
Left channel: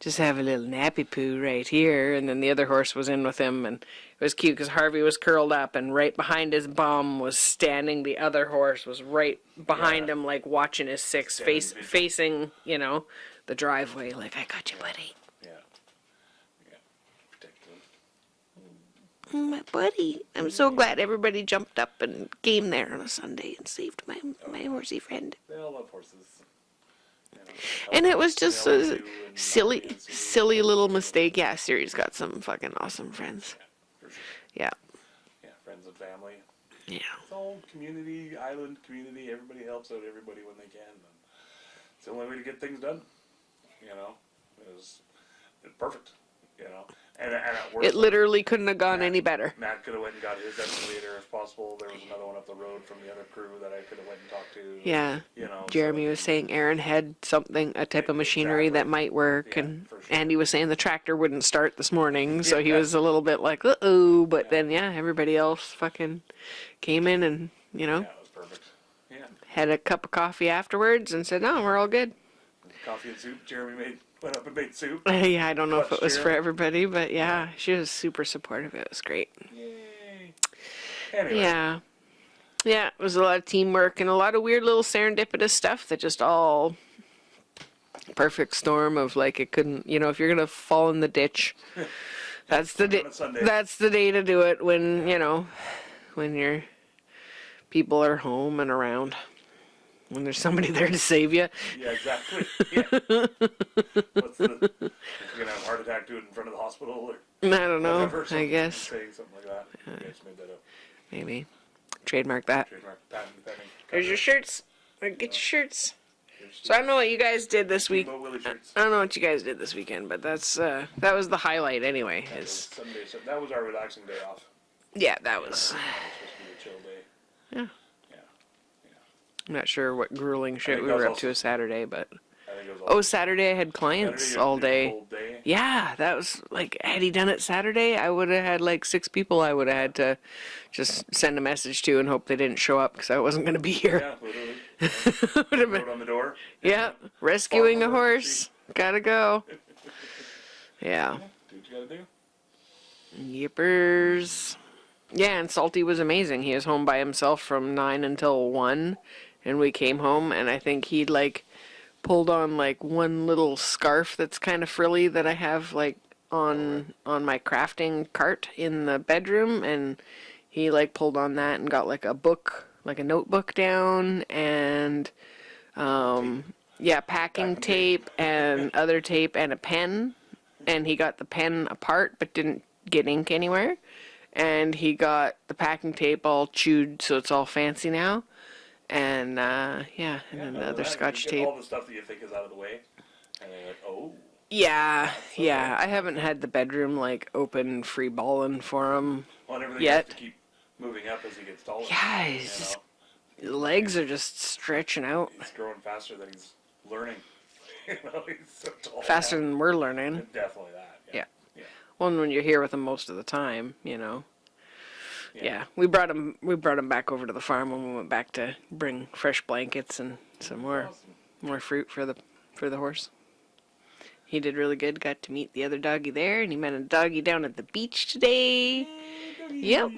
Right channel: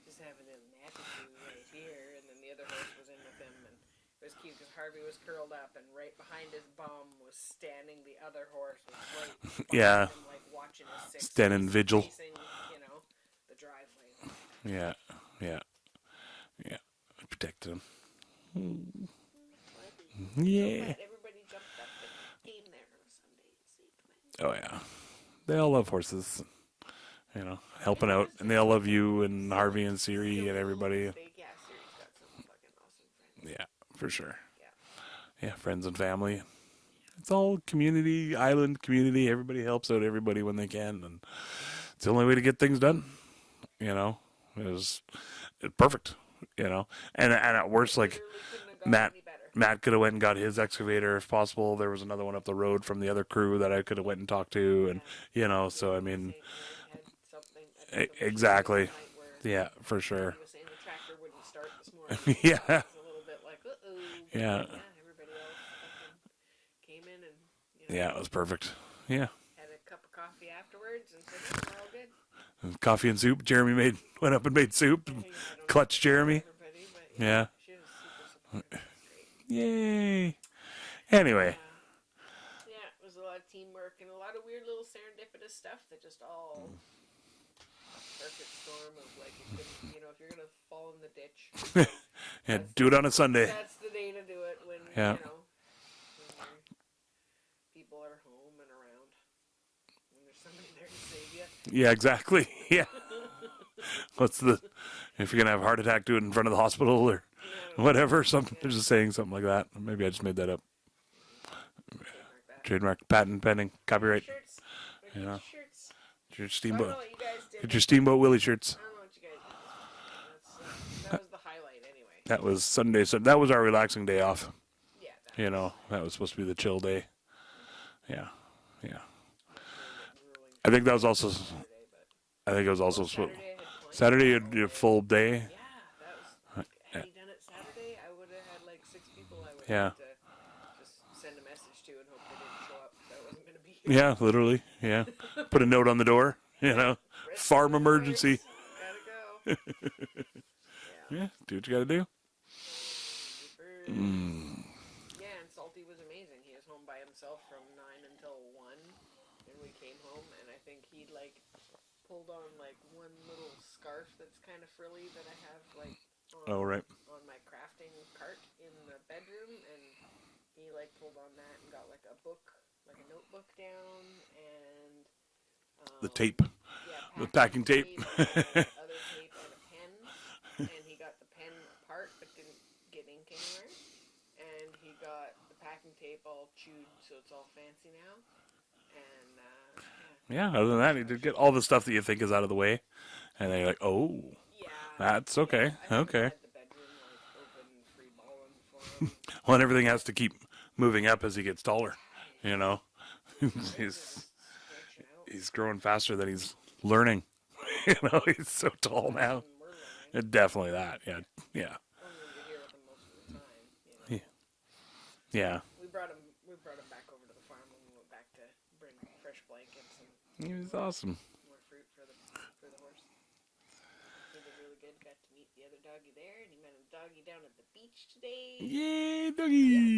just have a little nappy poo right here. And then the other horse was in with him, and it was cute because Harvey was curled up, and right behind his bum was standing the other horse, was right behind him, like watching his Standing vigil. facing, you know, the driveway, like, I got you, buddy. Yeah. Protected him. My buddy. I'm so glad everybody jumped up and came there on a Sunday and saved my horsey friend. They all love horses. You know, And helping it was out. And just they all a love you and Harvey silly, and Siri silly and little everybody. mistake. Yeah, Siri's got some fucking awesome friends. Yeah, for sure. Yeah. Yeah, friends and family. Yeah. It's all community, island community. Everybody helps out everybody when they can, and it's the only way to get things done. You know, it's perfect. You know, and at worst, It literally couldn't have gone any better. Matt could have went and got his excavator if possible. There was another one up the road from the other crew that I could have went and talked to. And, Yeah. you know, Jeremy was saying Aaron had a type of machinery Exactly. that might work. Yeah, and for sure. Andy was saying the tractor wouldn't start this morning, so he Yeah. was a little bit like, uh-oh. But Yeah. then, everybody else fucking came in and, yeah, it was perfect. Yeah, had a cup of coffee afterwards and said, no, we're all good. and coffee and soup. Jeremy went up and made soup. Yeah, I don't know Clutch if it was for Jeremy. everybody, but Yeah. she was super supportive. It was great. Yay! Anyway, Yeah. Yeah, it was a lot of teamwork and a lot of weird little serendipitous stuff that just all perfect storm of like it couldn't, if you're going to fall in the ditch, that's do the it on a Sunday. That's the day to do it when, Yeah. When your people are home and around. When there's somebody there to save you. Yeah, exactly. Yeah. If you're gonna have a heart attack, do it in front of the hospital or I don't know. whatever. I Something. I'm guess. just saying something like that. Maybe I just made that up. Maybe. Trademark that. Trademark, patent pending, Here's your copyright. shirts. Get your shirts. Your So I don't know what you guys did your this week. Steamboat Willie shirts. I don't know what you guys did this weekend, but that was the highlight anyway. That was Sunday. So that was our relaxing day off. Yeah, that You know, was. that was supposed to be the chill day. Yeah. Yeah. I'm not sure what grueling shit think we that was were up also- to Saturday, but I think it was also Saturday I had clients Saturday all your day. full day. Yeah, that was like had he done it Saturday, I would have had like 6 people I would have had to just send a message to and hope they didn't show up because I wasn't going to be here. Yeah, literally. Yeah. Put a note on the door. you Yeah, know, rescuing farm a emergency. horse. Gotta go. Yeah. Do what you gotta do. Yippers. Yeah, and Salty was amazing. He was home by himself from 9 until 1, and we came home, and I think he'd, like, pulled on, like, one little scarf that's kind of frilly that I have, like, on my crafting cart in the bedroom, and he, like, pulled on that and got, like, a book, like a notebook down, and, Tape. yeah, packing packing tape. tape and other tape and a pen. and he got the pen apart but didn't get ink anywhere. And he got the packing tape all chewed, so it's all fancy now. And Yeah, and other than the that, you Scotch get tape. all the stuff that you think is out of the way, and then you're like, oh, Yeah, That's okay, yeah. I haven't okay. had the bedroom like open, free balling for him. well, and everything Yet. has to keep moving up as he gets taller. Guys, You know, legs are just stretching out he's growing faster than he's learning. You know, he's so tall faster now. than we're learning. Definitely that. Yeah. Yeah. Yeah. Well, and when you're here with him most of the time, you know. Yeah. Yeah, we brought him back over to the farm when we went back to bring fresh blankets and some Awesome. more fruit for the horse. He did really good. Got to meet the other doggy there, and he met a doggy down at the beach today. Yep,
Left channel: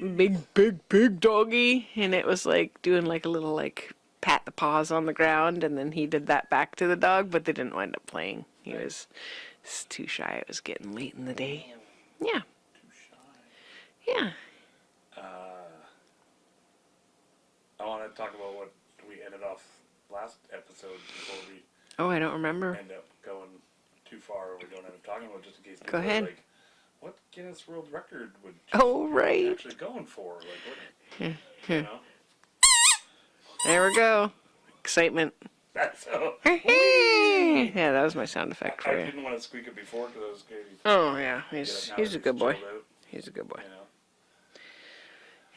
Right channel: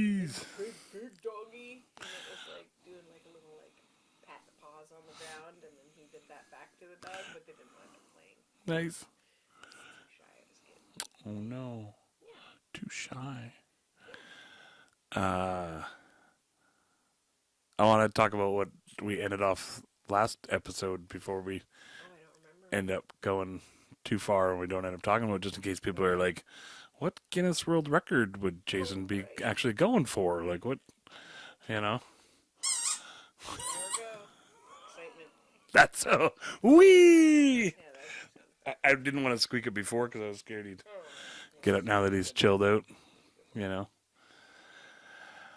big doggy, and it was like doing like a little like pat the paws on the ground, and then he did that back to the dog, but they didn't wind up playing. He Nice. was too shy. It was getting late in the day. No, Yeah, too shy. yeah. I want to talk about what we ended off last episode before we Oh, I don't remember. end up going too far and we don't end up talking about, just in case people are ahead. like, what Guinness World Record would Jason be right. actually going for? Like, what, you know? There we go. Excitement. That's so. Yeah, that was my sound effect for I you. didn't want to squeak it before because I was scared he'd Oh, yeah. He's, get it now he's that a he's good chilled boy. out, He's a good boy. you know?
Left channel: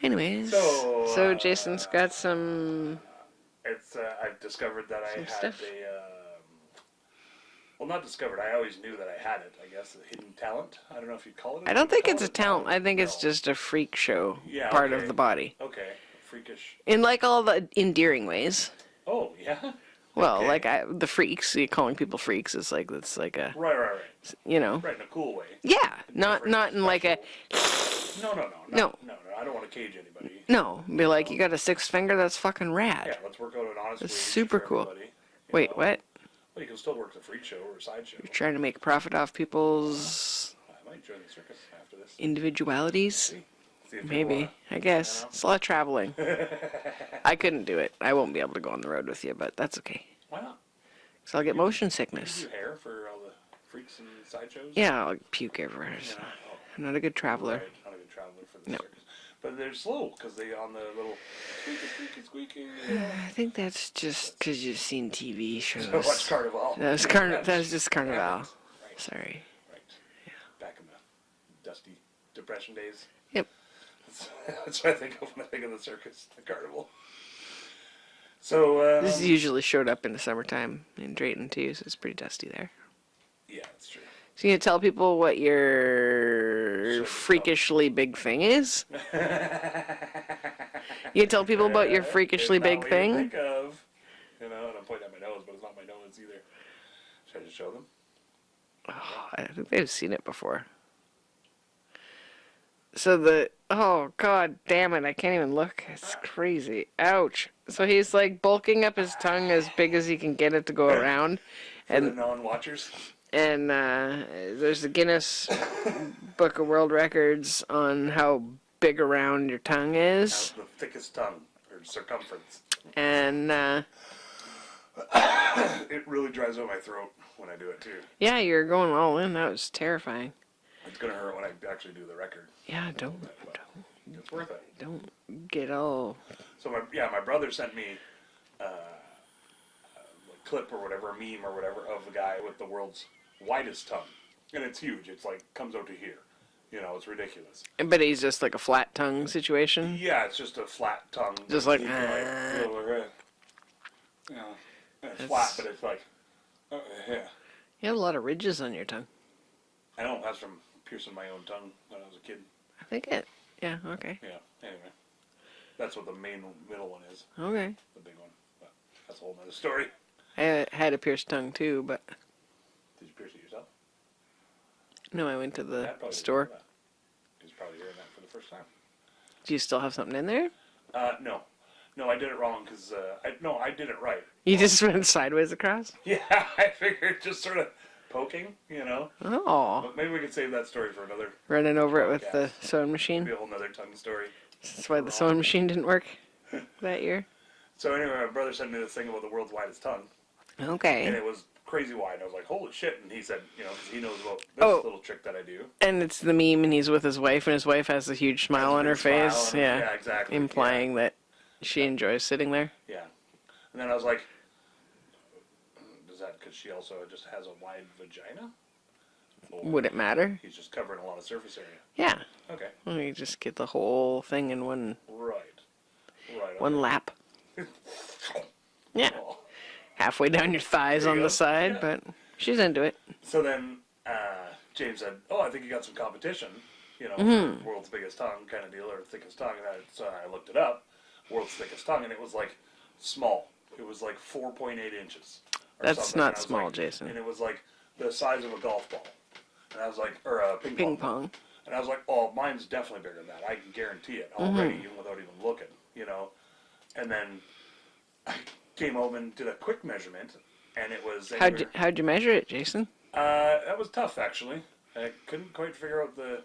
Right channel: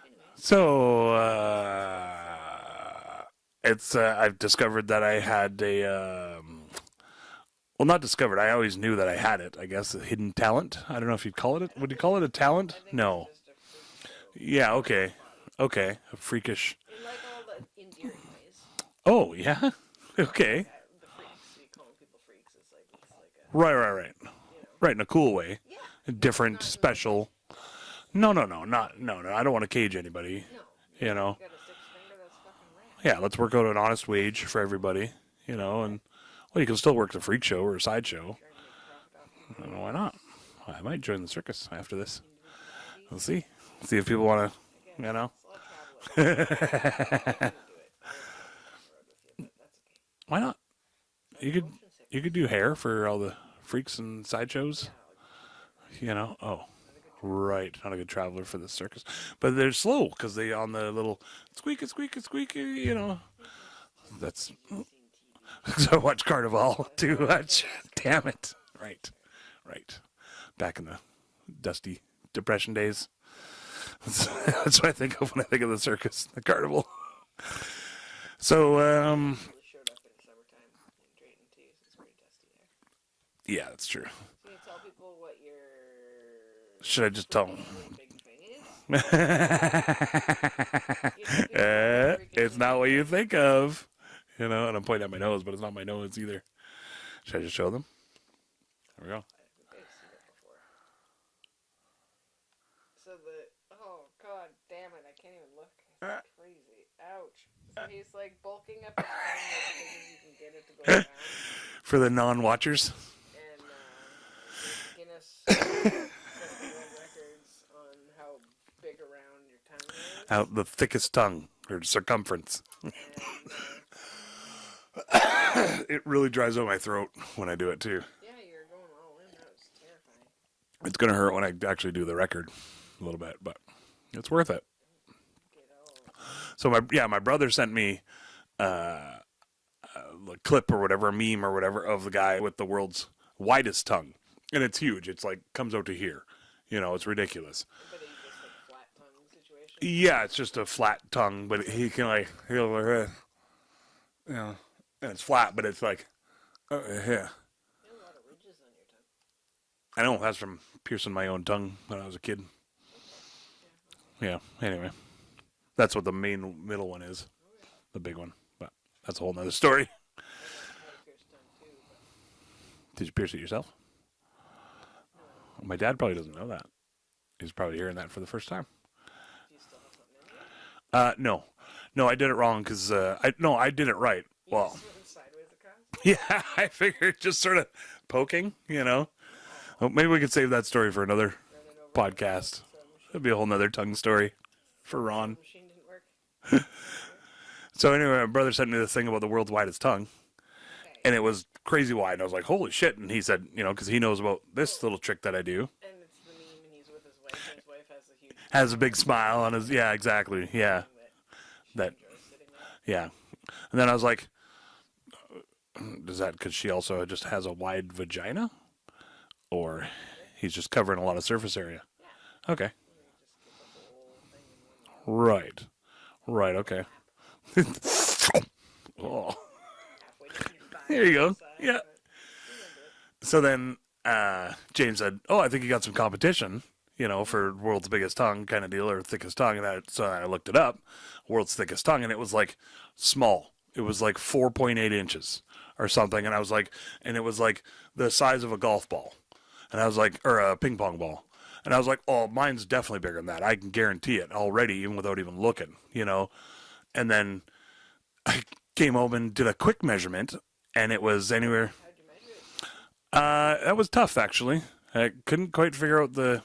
Anyways. So, Jason's got some... It's I've discovered that I had a well, not discovered. I always knew that I had it. I guess a hidden talent. I don't know if you'd call it. I don't would you think call it's it a talent. I think No. it's just a freak show Yeah, part okay. of the body. Okay, a freakish. In like all the endearing ways. Oh yeah. Well, Okay. like the freaks, calling people freaks is like, it's like a, Right. you know. Right, in a cool way. Yeah. Different, not in like special. a... No. I don't want to cage anybody. No. Be You like, know. you got a sixth finger? That's fucking rad. Yeah, let's work out an honest That's wage super for cool. everybody. You Wait, know, what? and- well, you can still work the freak show or a sideshow. Trying to make a profit off people's I might join the circus after this. individualities. See if people Maybe. want to. I guess. you know. It's a lot of traveling. I couldn't do it. I won't be able to go on the road with you, but that's okay. Why not? So I'll You get could- motion sickness. You could do hair for all the freaks and sideshows. Yeah, I'll puke everywhere. You know. Oh. I'm not a good traveler. Right, not a good traveler for the circus, but they're slow because they on the little squeaky, you know. I think that's just because you've seen TV shows. So much Carnival. That was, Too that much. was just Damn Carnival. it. Right, Sorry. right. Back in the dusty depression days. Yep. That's what I think of when I think of the circus, the carnival. So This usually showed up in the summertime in Drayton too, so it's pretty dusty there. yeah, that's true. So you gonna tell people what your Should I just tell them? freakishly big thing is? You tell people about your freakishly it's big not what thing? you think of, you know. And I'm pointing at my nose, but it's not my nose either. Should I just show them? I think they've seen it before. So oh god damn it, I can't even look. It's crazy. Ouch. So he's like bulking up his tongue as big as he can get it to go around. For the non-watchers. And there's the Guinness Book of World Records on how big around your tongue is. Out the thickest tongue or circumference. And It really dries out my throat when I do it too. yeah, you're going all in. That was terrifying. It's gonna hurt when I actually do the record Yeah, a little bit, but it's worth it. don't get all. So my brother sent me a clip or whatever, a meme or whatever of the guy with the world's widest tongue, and it's huge. It's like comes out to here. You know, it's ridiculous. But he's just like a flat tongue situation. Yeah, it's just a flat tongue, but Just like, he can like feel like, you know, and it's flat, but it's like, yeah. You have a lot of ridges on your tongue. I know that's from piercing my own tongue when I was a kid. I think it. Yeah. Okay. Yeah. Anyway, that's what the middle one is, Okay. the big one. But that's a whole nother story. I had a pierced tongue too, but Did you pierce it yourself? no, I went to My the dad probably doesn't store. know that. He's probably hearing that for the first time. Do you still have something in there? No, I did it wrong because I did it right. You Well, just went sideways across? yeah, I figured just sort of poking, you know. Oh. Well, maybe we could save that story for another. Running over it with Podcast. the sewing It'd machine. be a whole nother tongue story. That's why for the Ron. sewing machine didn't work that year. So anyway, my brother sent me this thing about the world's widest tongue, Okay. and it was crazy wide. And I was like, holy shit. And he said, you know, because he knows about this little trick that I do. And it's the meme, and he's with his wife, and his wife has a huge smile Has a on big her smile face. on his, yeah, exactly. Implying that she enjoys sitting there. Yeah. And then I was like, is that because she also just has a wide vagina? Or Would it matter? he's just covering a lot of surface area? Yeah. Okay. Well, you just get the whole thing in one Right. Right, okay. one lap. Yeah. Oh. Halfway down your thighs There on you the go. side, Yeah. but she's into it. So then James said, oh, I think you got some competition, you know, for world's biggest tongue kind of deal, or thickest tongue. And so I looked it up, world's thickest tongue, and it was like small. It was like 4.8 inches or That's something. not And I was small, like, Jason. and it was like the size of a golf ball. And I was like, or a ping pong ball. pong. And I was like, oh, mine's definitely bigger than that. I can guarantee it already, even without even looking, you know. And then I came home and did a quick measurement, and it was anywhere. How'd you measure it, Jason? That was tough, actually. I couldn't quite figure out the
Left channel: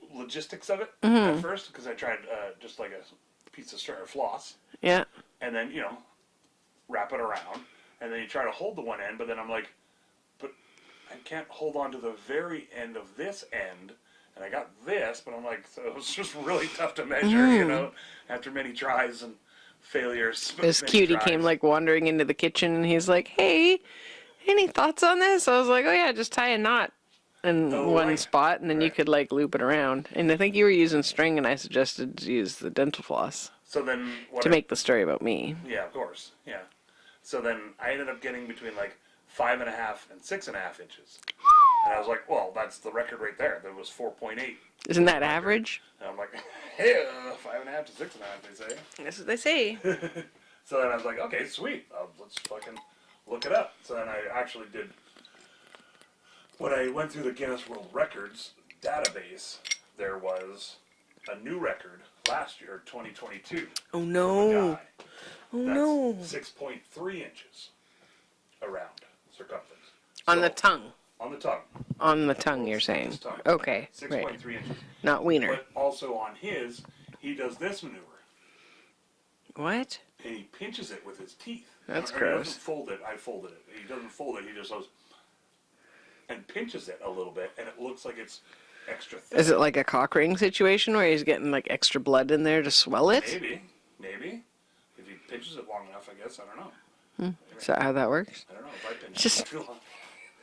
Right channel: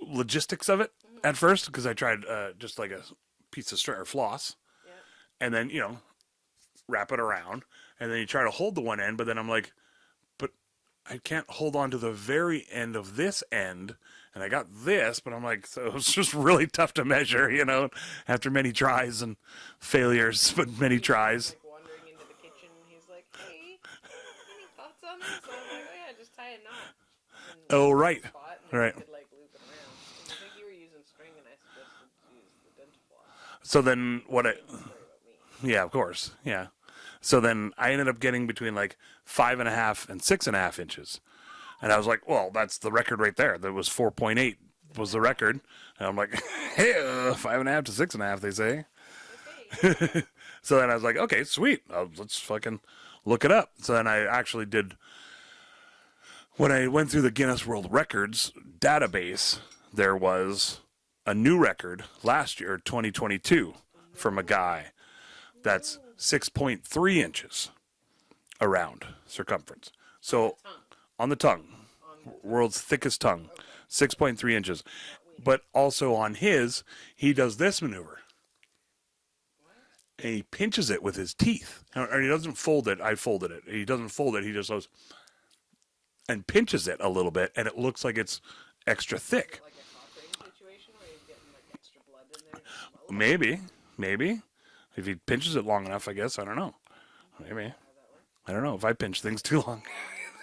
logistics of it at first, because I tried just like a piece of string or floss, Yeah. and then, you know, wrap it around, and then you try to hold the one end, but then I'm like, but I can't hold on to the very end of this end, and I got this, but I'm like, so it was just really tough to measure, you know, after many tries and failures, but This many cutie tries. came like wandering into the kitchen, and he's like, "Hey, any thoughts on this?" I was like, "Oh yeah, just tie a knot in one right. spot, and then you Right. could like loop it around." And I think you were using string, and I suggested to use the dental floss So then what to I, make the story about me. yeah, of course, yeah. So then I ended up getting between like 5.5 and 6.5 inches. And I was like, well, that's the record right there. That was 4.8. Isn't was that the record. average? And I'm like, hey, 5.5 to 6.5, they say. That's what they say. So then I was like, okay, sweet. Let's fucking look it up. So then I actually did, when I went through the Guinness World Records database, there was a new record last year, 2022, from a guy. That's 6.3 inches around circumference. So, On the tongue. On the tongue. On the tongue, World's you're saying. thickest tongue. Okay. 6.3 inches. Not wiener. But also on his, he does this maneuver. What? And he pinches it with his teeth. That's Or he doesn't gross. fold it. I folded it. He doesn't fold it. He just goes and pinches it a little bit, and it looks like it's extra thick. Is it like a cock ring situation where he's getting like extra blood in there to swell it? Maybe. If he pinches it long enough, I guess. I don't know. Maybe. Is that how that works? I don't know. If I pinch things too long,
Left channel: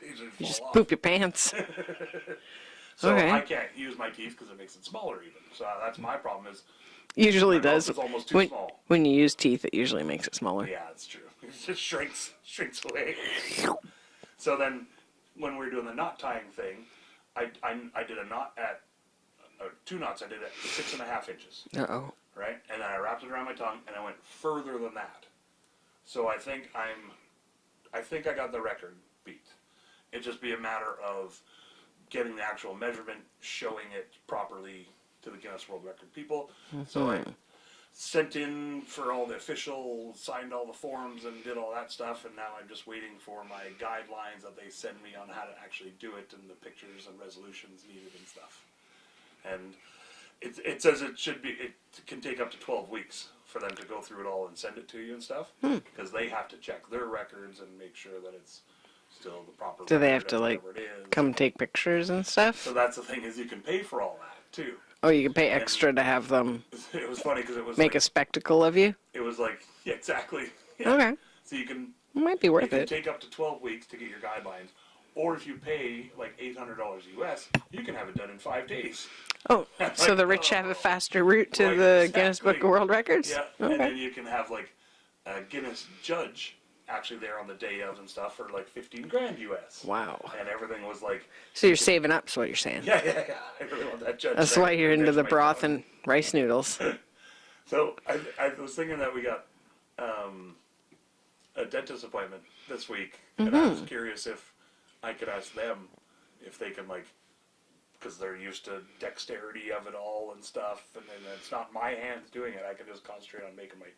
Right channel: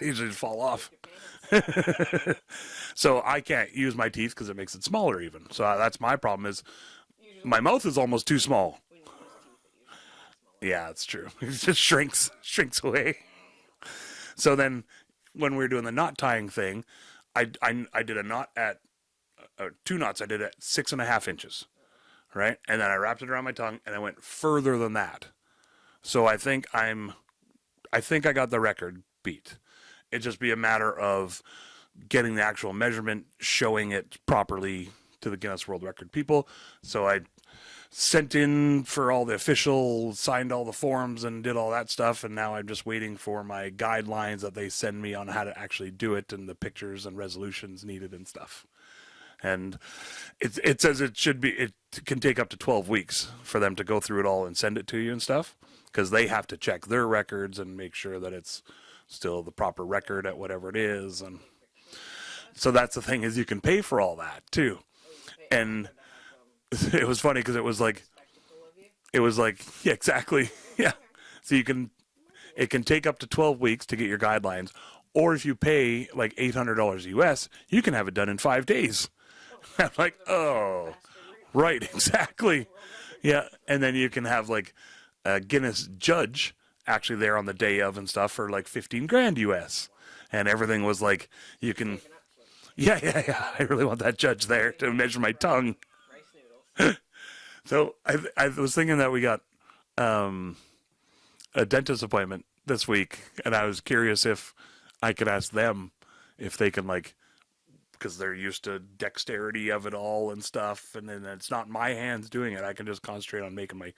they usually just fall off. Poop your pants. So Okay. I can't use my teeth because it makes it smaller even. So that's my problem is Usually my mouth does. is almost too when, small. When you use teeth, it usually makes it smaller. Yeah, that's true. It just shrinks away. So then when we were doing the knot tying thing, I did a knot at, 2 knots I did at 6.5 inches. Uh-oh. Right? And then I wrapped it around my tongue and I went further than that. So I think I got the record beat. It'd just be a matter of getting the actual measurement, showing it properly to the Guinness World Record people. So I sent in for all the official, signed all the forms and did all that stuff. And now I'm just waiting for my guidelines that they send me on how to actually do it and the pictures and resolutions needed and stuff. And it says it can take up to 12 weeks for them to go through it all and send it to you and stuff. Because they have to check their records and make sure that it's still the proper Do record they have at to like whatever it is. come take pictures and stuff? So that's the thing is you can pay for all that too. Oh, you can pay extra to have them It was funny because it was make like a spectacle of you? it was like yeah, exactly. Yeah. Okay. So you can Might be worth it can it. take up to 12 weeks to get your guidelines, or if you pay like $800 US, you can have it done in 5 days. Oh, so the rich have a oh. faster route to Right, the Guinness exactly. Book of World Records? Yeah, Okay. and then you can have like a Guinness judge actually there on the day of and stuff for like 15 grand US. Wow. And everything was like. So you're can- saving up, is what you're saying. Yeah. I really want that judge That's there why you're to into measure the my broth tongue. and rice noodles. So I was thinking that we got a dentist appointment this week, and I was curious if I could ask them if they can like, because they're used to dexterity of it all and stuff, and then it's not my hands doing it. I can just concentrate on making my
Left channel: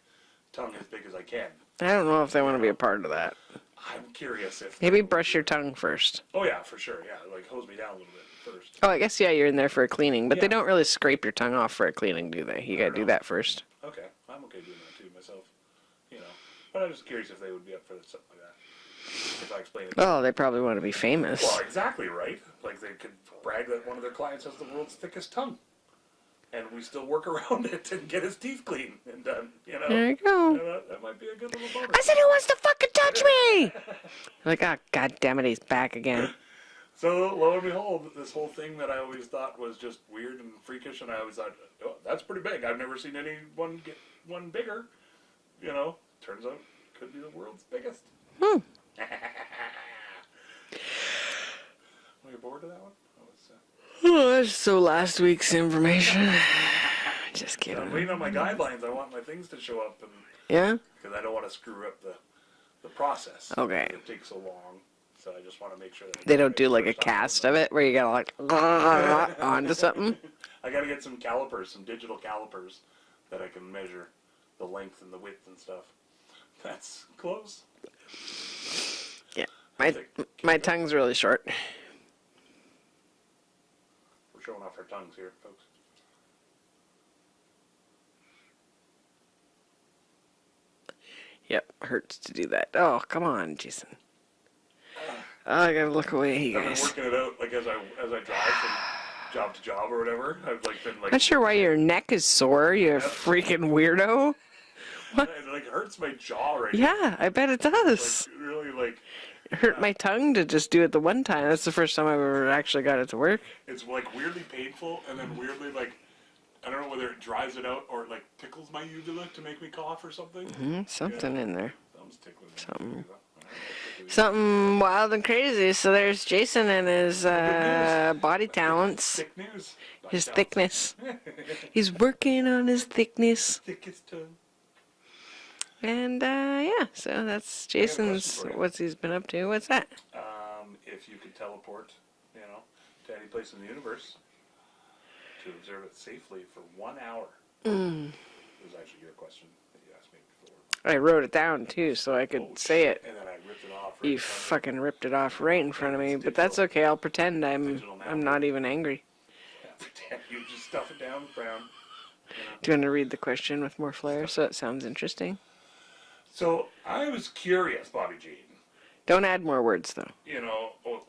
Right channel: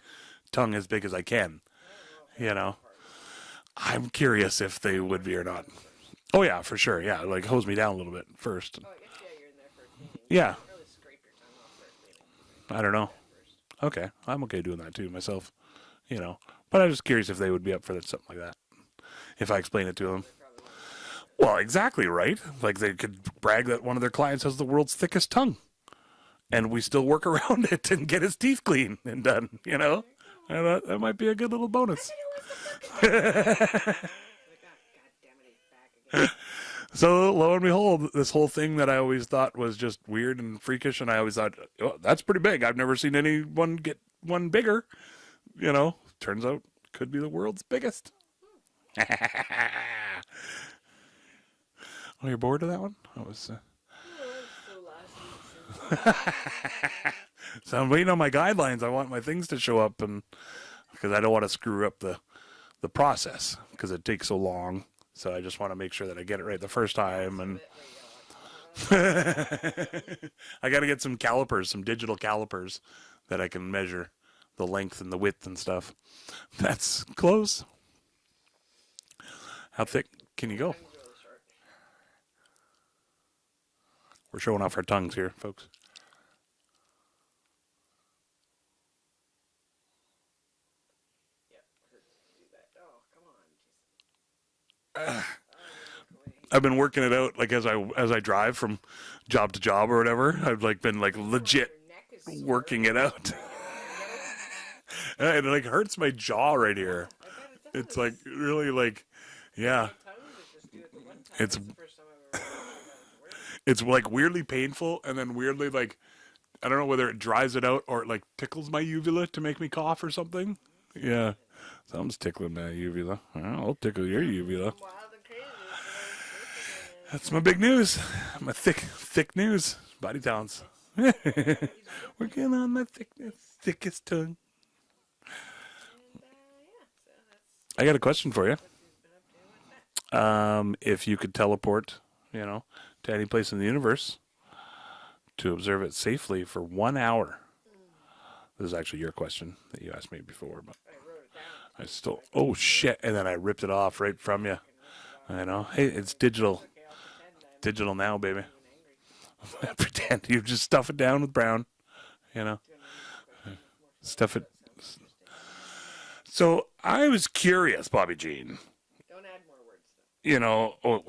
tongue as big as I can. I don't know if they want to be know. a part of that. I'm curious if Maybe they would brush be your or not. tongue first. Oh yeah, for sure. Yeah, like hose me down a little bit first. Oh, I guess, yeah, you're in there for a cleaning. But Yeah. they don't really scrape your tongue off for a cleaning, do they? You I gotta don't do know. that first. Okay, I'm okay doing that too myself. But I was just curious if they would be up for something like that. if I explain it to Oh, them. they probably want to be famous. Well, exactly, right? Like they could brag that one of their clients has the world's thickest tongue. And we still work around it and get his teeth clean and done, you know? There you go. And, that might be a good little bonus. I said, who wants to fucking touch me? Like, oh, God damn it, he's back again. So, lo and behold, this whole thing that I always thought was just weird and freakish, and I always thought, oh, that's pretty big. I've never seen anyone get one bigger. You know, turns out could be the world's biggest. Oh, you're bored of that one? I was... Oh, that's so last week's information. Just kidding. So I'm waiting on my guidelines. I want my things to show up, and Yeah? because I don't want to screw up the process. Okay. Because it takes so long. So I just want to make sure that I get They it don't right do the like a first time, cast and of it where you gotta like onto something. I got to get some calipers, some digital calipers that I can measure the length and the width and stuff. That's close. Yeah. How thick can My you go? tongue's really short. We're showing off our tongues here, folks. Yep, hurts to do that. Oh, come on, Jason. Oh, I gotta look away. I've been guys. working it out like as I drive from job to job or whatever. I've like been like Not sure why legit your neck is sore. working You it out. freaking weirdo. It like hurts my jaw right Yeah, here. I bet it does. It's like really like Hurt yeah. my tongue to just do it the one time. It's- That's the first time I've ever actually got it to work. It's like weirdly painful and then weirdly like I don't know whether it dries it out or it like tickles my uvula to make me cough or something. Something in there. Something's tickling my uvula. I'll tickle your Something uvula. wild and crazy. So there's Jason and his That's my big news. body My talents. Thick news. Body His talents. thickness. He's working on his thickness. Thickest tongue. And yeah, so that's I Jason's. got a question for you. What's he's been up to? What's that? If you could teleport, to any place in the universe to observe it safely for 1 hour. This is actually your question that you asked me before. But I wrote it down too, so I could oh say shit! it. And then I ripped it off right You from you. fucking ripped it off I right know. in front Hey, of it's me, but that's digital. okay. I'll pretend I'm Digital now, I'm not baby. even angry. Pretend you just stuff it down with brown. Do you want to read the question with more flair Stuff so it- it sounds interesting? So I was curious, Bobby Jean. Don't add more words though.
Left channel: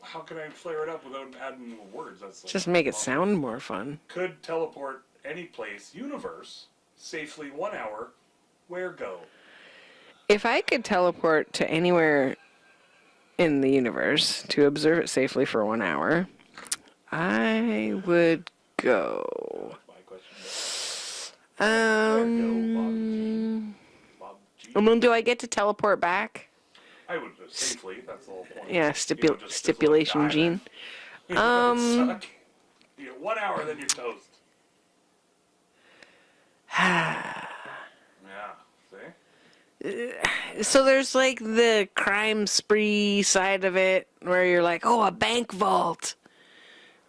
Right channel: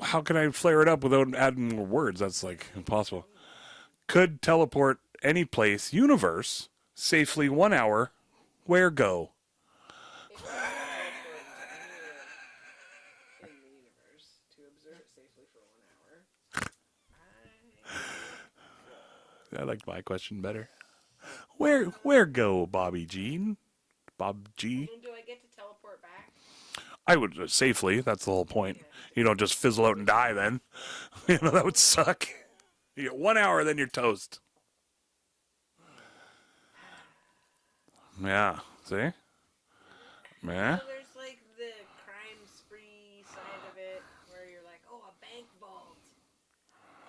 How can I flare it up without adding more words? That's like Just make impossible. it sound more fun. Could teleport any place, universe, safely 1 hour. Where go? If I could teleport to anywhere in the universe to observe it safely for 1 hour, I would go. I like my question better. Where go, Bobby Jean? Bob Jean? I mean, do I get to teleport back? I would safely. That's the whole point. Yeah, you don't just fizzle out and die stipulation, then. That would suck. You get 1 hour, then you're toast. Yeah. See? So there's like the crime spree side of it where you're like, oh, a bank vault.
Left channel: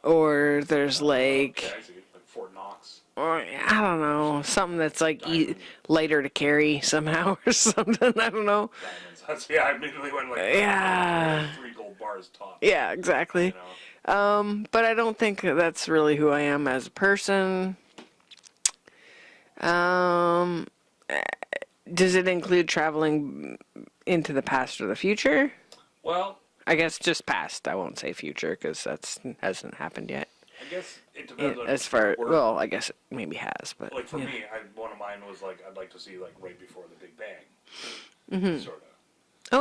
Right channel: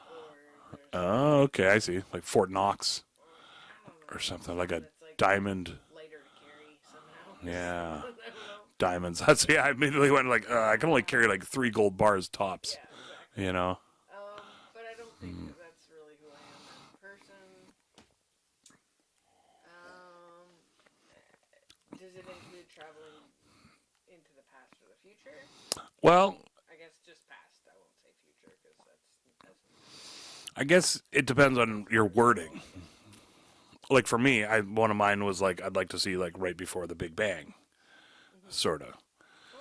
Or there's like, Okay, I see. Like Fort Knox. or, I don't know, something something like a that's like diamond. lighter to carry somehow or something. I don't know. Diamonds. That's I immediately went like, I can only carry like 3 gold bars tops. Yeah, exactly. You know? But I don't think that's really who I am as a person. Does it include traveling into the past or the future? Well, I guess just past. I won't say future because that hasn't happened yet. I guess it depends on As your far, word. well, I guess it maybe has, but Like for me, one of mine was like I'd like to see like right before the Big Bang, sort of.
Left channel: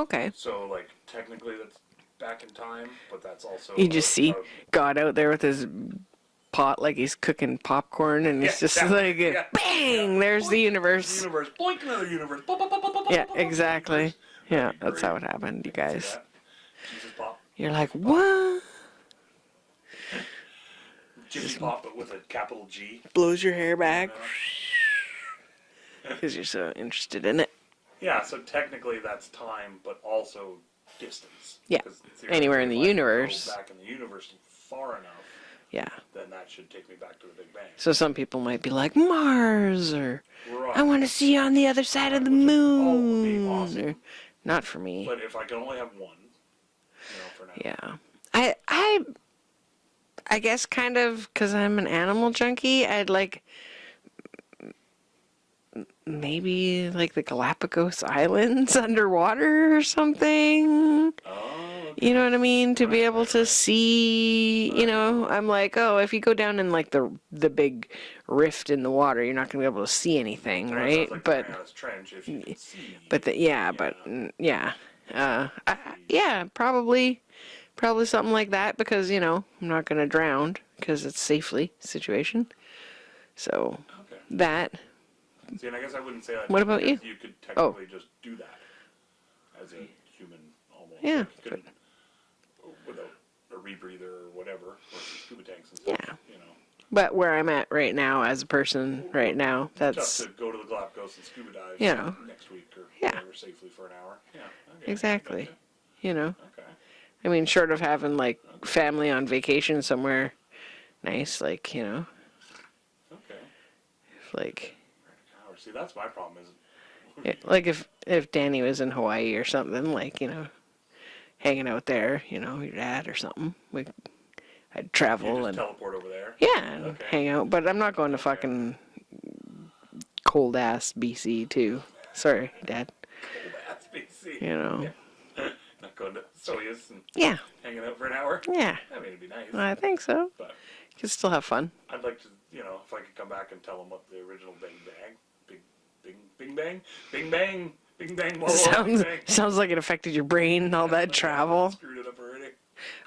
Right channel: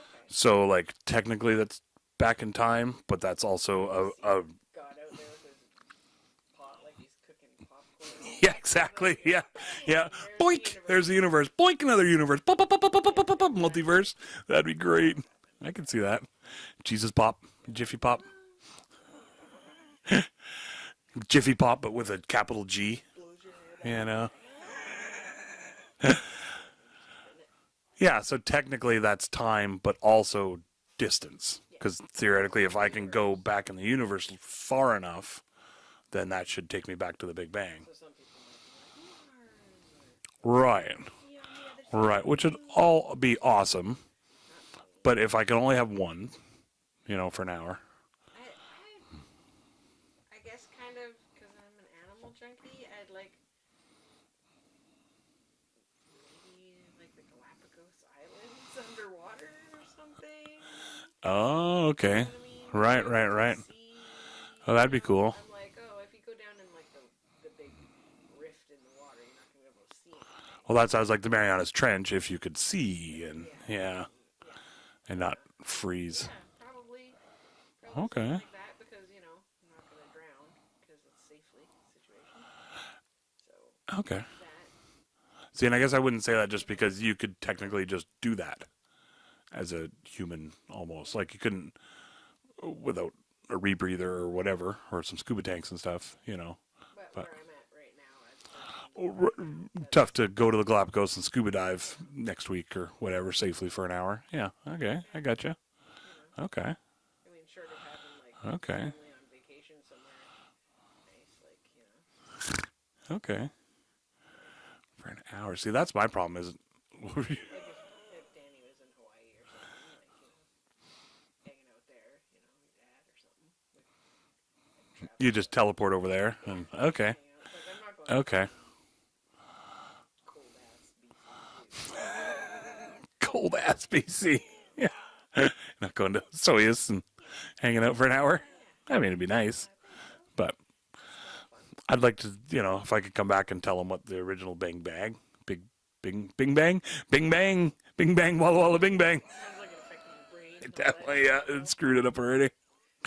okay. So like technically that's back in time, but that's also You just see God out there with his pot like he's cooking popcorn, and it's just like bang, there's Boink, the universe. There's the universe. Boink, another universe. Pop, pop, pop, pop, pop, Yeah, pop, pop, exactly. multiverse. That'd be great. That's how it happened, I guys. can see that. Jesus Pop. You're like, Giffy Pop. what? Giffy Pop, but with a capital G. Blows your hair You back know? because you're so interested in it. Yeah, so technically that's time, but also distance. Yeah. Because theoretically, Anywhere in if the I universe. can go back in the universe far enough, Yeah. then that should take me back to the Big Bang. So some people might be like Mars, or Right. I want to see you on the other side of the Which moon. would all be or- awesome. Not for me. But if I can only have one, for an hour. yeah, I guess kind of because I'm an animal junkie. I'd like maybe like the Galapagos Islands underwater or something. Oh, okay. You know what I mean? To be Right, able right, to right. see, Oh, you that'd be know, cool. I'm like, oh, if you go down in like the big rift in the water, you're not going to be able to see anything, Well, right? that sounds like the But- Marianas Trench if you could see. But and- yeah. And not freeze. Yeah, probably something like that because, you know, I'm not going to drown because it's safely situation. So Okay. that, See, and I guess I wouldn't say that What just about because you? you could technically just do that as a human almost. Yeah. Like you couldn't without a rebreather or whatever, or some scuba tanks and stuff, you know. but where I'm at right now as a person right now, that's Tough to go to the Galapagos and scuba dive You know. next week or Yeah. whatever safely for an hour. Yeah, okay. Exactly. I gotcha. you know, Okay. I mean, short of having like Okay. family on vacation somewhere nice, like, you know, Okay. like For an hour. See, that's my problem is like if Danny was in Hawaii or something, like, you know, hanging out there, you know, your dad or something, I'd travel. you just and, teleport over there. yeah, Okay. hang out. But I'm not going to Okay. fucking cold ass BC too. Sorry, Dad. Cold ass BC. You know. Yeah. Not going to Soyuz and Yeah. hanging out for an hour. Yeah. I mean, it'd be nice. I think so. But Could still have fun. I'd like to, you know, if I could come back and tell them what the original Bing Bang, Bing Bang, Bing Bang, Walla Walla, Bing Bang. Sounds like it affected your brain and all that Yeah, travel. it screwed it up already.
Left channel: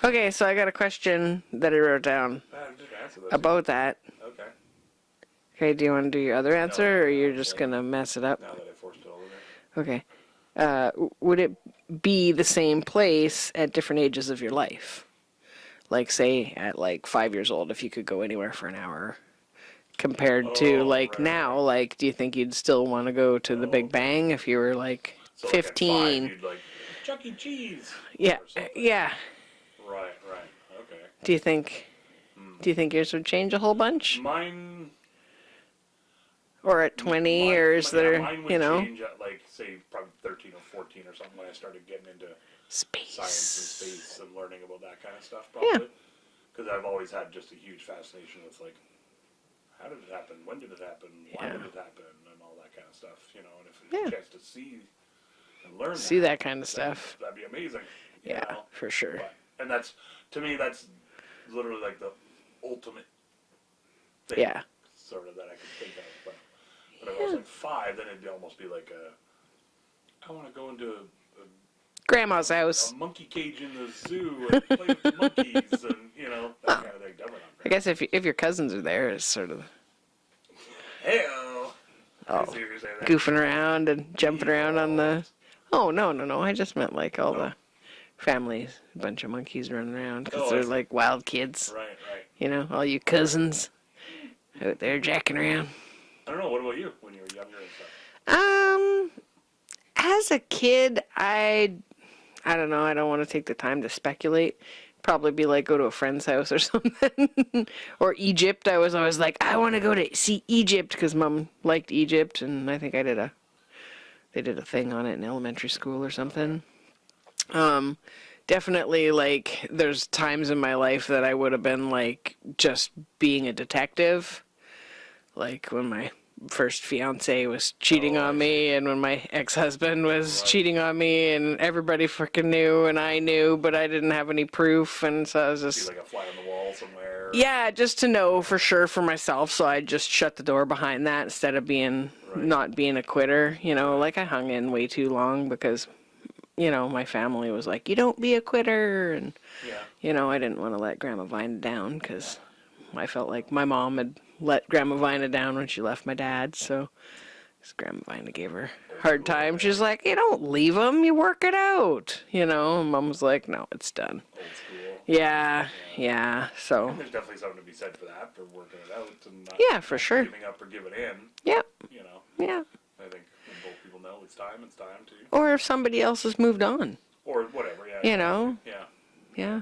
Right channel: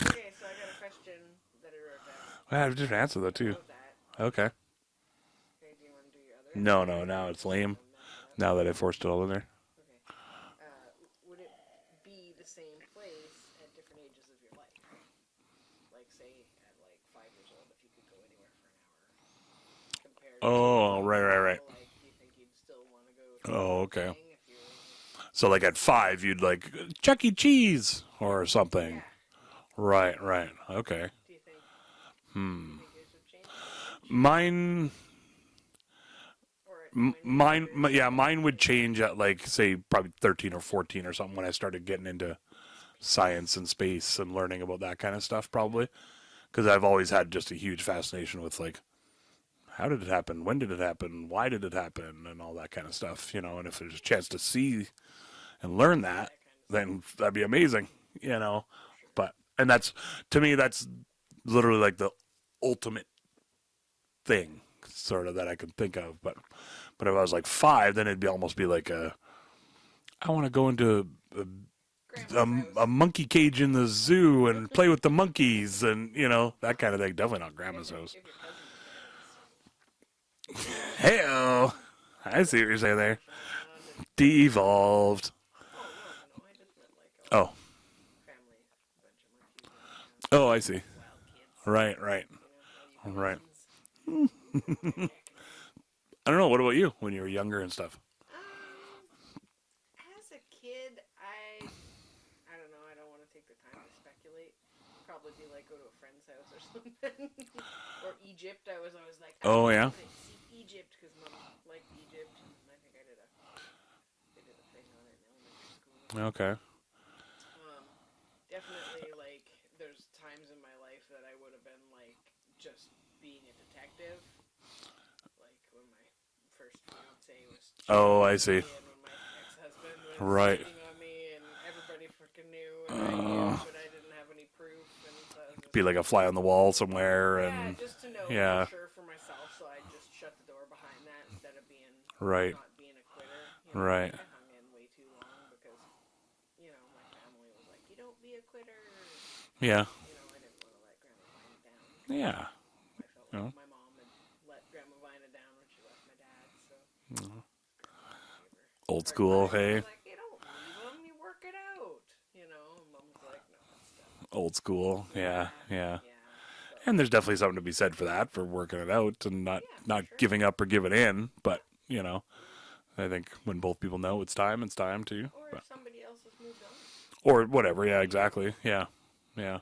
Okay, so I got a question that I wrote down I have a different answer though, too. about that. Okay. Okay, do you want to do your other answer, no, or no, you're it's just lame. gonna mess it up? Now that I forced it all in there. Okay. Would it be the same place at different ages of your life? Like, say, at like 5 years old, if you could go anywhere for an hour, compared to Oh, like right, right, now. right. Like, do you think you'd still want to go to the Oh, Big okay. Bang if you were like So 15? like at 5, you'd like Chuck E. Cheese or something. Yeah. Right. Okay. Do you think? Do you think yours would change a whole bunch? Mine. Or at 20 mine, years? yeah, mine would change at like say probably 13 or 14 or something when I started getting into Space. science and space and learning about that kind of stuff probably. Because I've always had just a huge fascination with like, how did it happen? When did it happen? Why did it happen? And all that kind of stuff, you know. And if there's a chance to see and learn See that kind of then stuff. that'd be amazing, you know. for sure. But and that's to me that's literally like the ultimate thing, Yeah. sort of that I could think of. But if I was like 5, then it'd be almost be like I want to go into Grandma's house. a monkey cage in the zoo and play with the monkeys and you know that kind of thing. Definitely not I grandma's guess house. if your cousins are there, it's sort of Hey-o. I see what you're saying there. goofing around and Be jumping around on the. evolved. Oh no! I just meant like all Oh. the families, a bunch of monkeys running around. Oh, I they're see. like wild kids. Right. You know, all you cousins out there jacking around. I don't know. What about you when you were younger and stuff? As a kid, I don't know. I don't want to take the time to speculate. Probably be like go to a friend's house or something, or Egypt. I was always like, I Oh, want to yeah? go to see Egypt because Mom liked Egypt, and I think they did a thing on it in elementary school or something. Definitely, like, there's times in my life that I would have been like just being a detective, like when my first fiance was cheating Oh, I on me, see. and when my ex-husband was Right. cheating on me, and everybody freaking knew, and I knew, but I didn't have any proof, and so I was just Be like a fly on the wall somewhere. yeah, and- just to know for yeah. sure for myself. So I just shut the door behind that instead of being Right. not being a quitter. You know, Right. like I hung in way too long because, you know, my family was like, "You don't be a quitter," and yeah. you know, I didn't want to let Grandma Vina down because Yeah. I felt like my mom had let Grandma Vina down when she left my dad. So 'cause Grandma Vina gave her a Old hard school, time. She's hey? like, "You don't leave them. You work it out." You know, and Mom was like, "No, it's done." Old school. Yeah. So And there's definitely something to be said for that, for working it out and not, Yeah, for not sure. giving up or giving in. But, Yep. you know, yeah. I think when both people know it's time to. Or if somebody else has moved on. Or whatever, yeah, You exactly. know? Yeah. Yeah.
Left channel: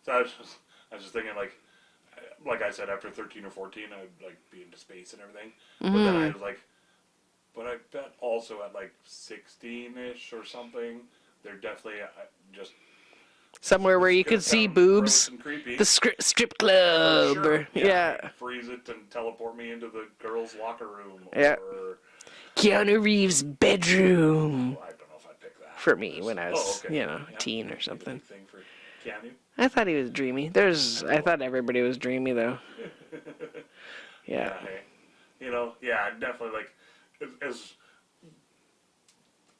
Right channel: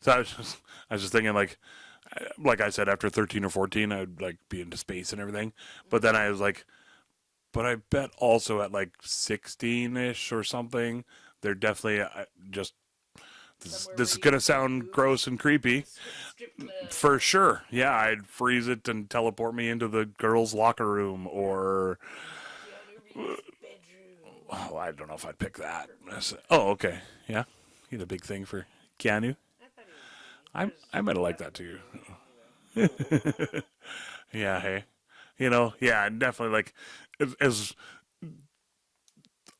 So I was just thinking, like I said, after 13 or 14, I'd like be into space and everything. But then I was like, but I bet also at like 16-ish or something, they're definitely just somewhere This where is you gonna can see sound boobs. gross and creepy. The strip club. For sure. or- Yeah, I'd freeze it and teleport me into the girls' locker room, Yeah. or Keanu Reeves' bedroom. oh, I don't know if I'd pick that For me, when I was, Yeah. teen or He's a something. big thing for Keanu. I thought he was dreamy. I I really like thought that everybody too. was dreamy, though. Yeah. Hey, I'm definitely like as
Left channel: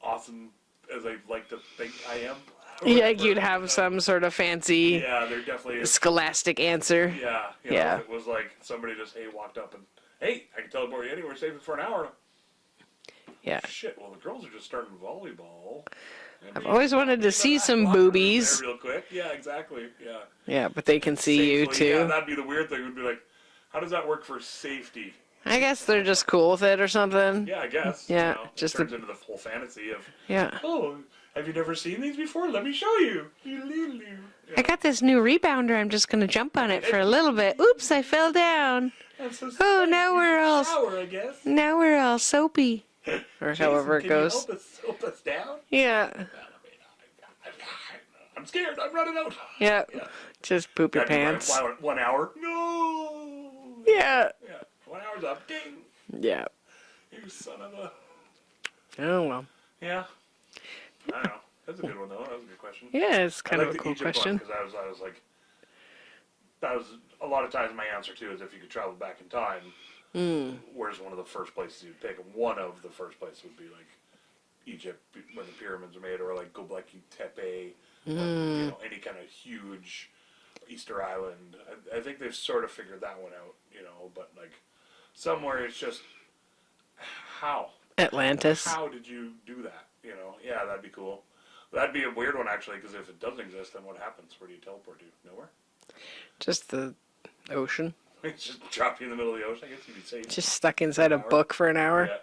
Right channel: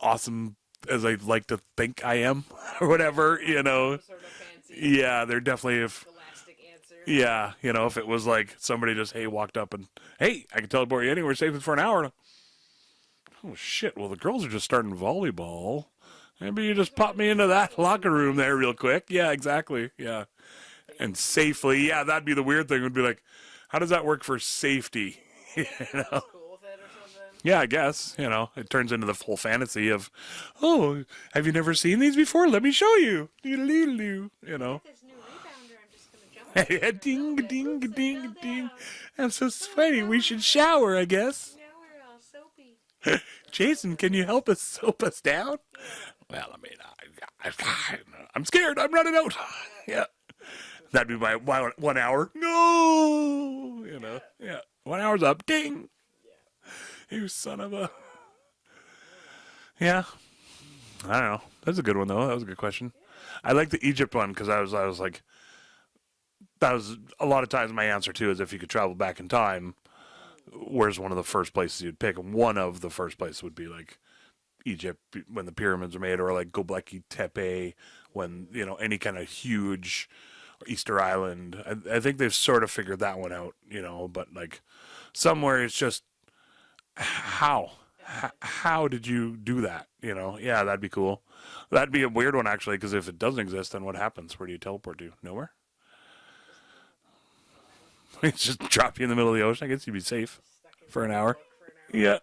awesome as I like to think I am, or whatever. You'd have some sort of fancy Yeah, they're definitely. scholastic answer. Yeah, Yeah. if it was like somebody just walked up and hey, I can teleport you anywhere, save it for an hour. Yeah. Shit, well the girls are just starting volleyball. Maybe you always just pop wanted me to into see that some locker room boobies. there real quick. Yeah, exactly. Yeah. Yeah, but they can And see safely, you, too. yeah, that'd be the weird thing. Would be like, how does that work for safety? I guess they're just cool with it or something. Yeah, I guess. Yeah, It just turns into the whole fantasy of, Yeah. oh, have you never seen these before? Let me show you. I got this new rebounder. I'm just going to jump on it for a little bit. Oops, I fell down. I'm so Oh, sweaty. now We we're should all- shower, I guess. Now we're all soapy. Or Jason, however it can you goes. help us soap us down? Yeah. Well, I mean, I'm scared. I'm running out. Yeah. Yeah. Just poop your That'd be my pants. 1 hour. No. Yeah. Yeah. 1 hour's up. Ding. Yeah. You son of a. Oh, well. Yeah. I don't know. That's a good one though. That was a good question. Yeah, it's I kind like of the a cool Egypt one question. because I was like, that was a lot of times my answer too is if you could travel back in time, where's one of the first places you'd pick? And one of the first places would be like Egypt when the pyramids were made, or like Göbekli Tepe when any kind of huge Easter Island. I think they've sort of figured that one out, but like somewhere it's just how Atlantis. How did you do that? Yeah, that'd be cool. That'd be a weird one actually, because if it doesn't exist, then what happens? Where do you teleport to? Nowhere. Just the ocean. It's just drop you in the middle of the ocean. I guess you'd be safe. Just stuck inside an a hour. book for an hour. Yeah.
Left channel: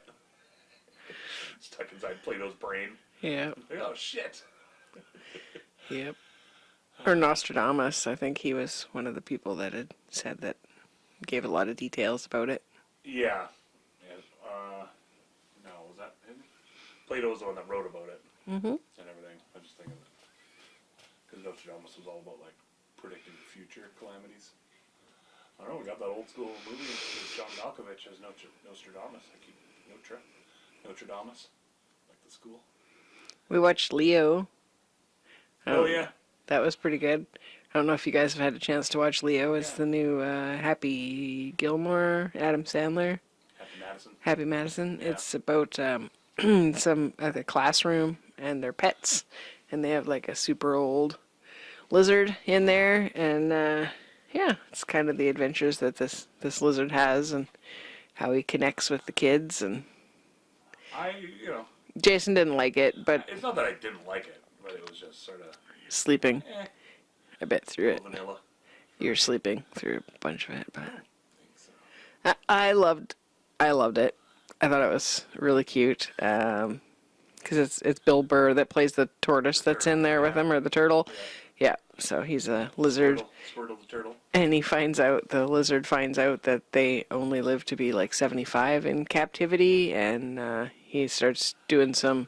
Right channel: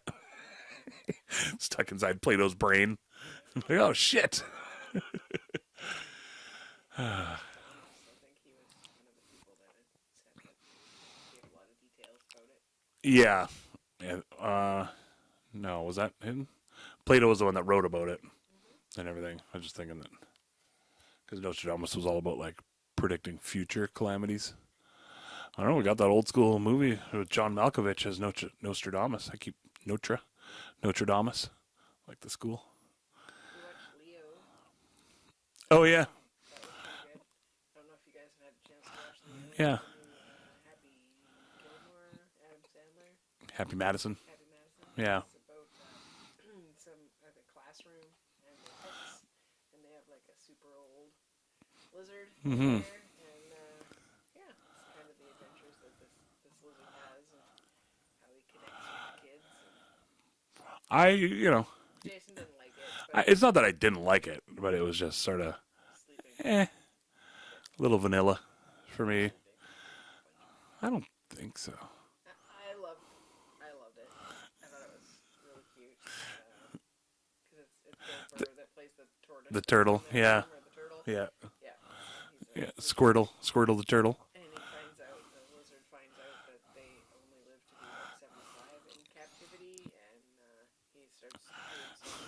Stuck inside Plato's brain. Yeah. Like, oh shit. Yep. Or Nostradamus. I think he was one of the people that had said that, gave a lot of details about it. Yeah. No, was that him? Plato was the one that wrote about it and everything. I was just thinking that because Nostradamus was all about like predicting future calamities. I don't know. We got that old school movie with John Malkovich as Nostradamus. I keep Nostradamus, like the school. We watched Leo. Oh yeah. That was pretty good. I don't know if you guys have had a chance to watch Leo. It's Yeah. the new Happy Gilmore, Adam Sandler. Happy Madison. Happy Madison. Yeah. It's about some at the classroom and their pets, and they have like a super old lizard in there, and yeah, it's kind of the adventures that this lizard has and how he connects with the kids. And Jason didn't like it, but It's not that I didn't like it, but it was just sort of sleeping a bit a through little it. vanilla for You're me. sleeping through a bunch of it. I But don't think so. I loved it. I thought it was really cute. Because it's Bill Burr that plays the tortoise The that's in turtle, there with yeah. him, or the turtle. Yeah. Yeah. So he's a lizard. Squirtle the turtle. And the lizard finds out that they only live to be like 75 in captivity, and he starts doing some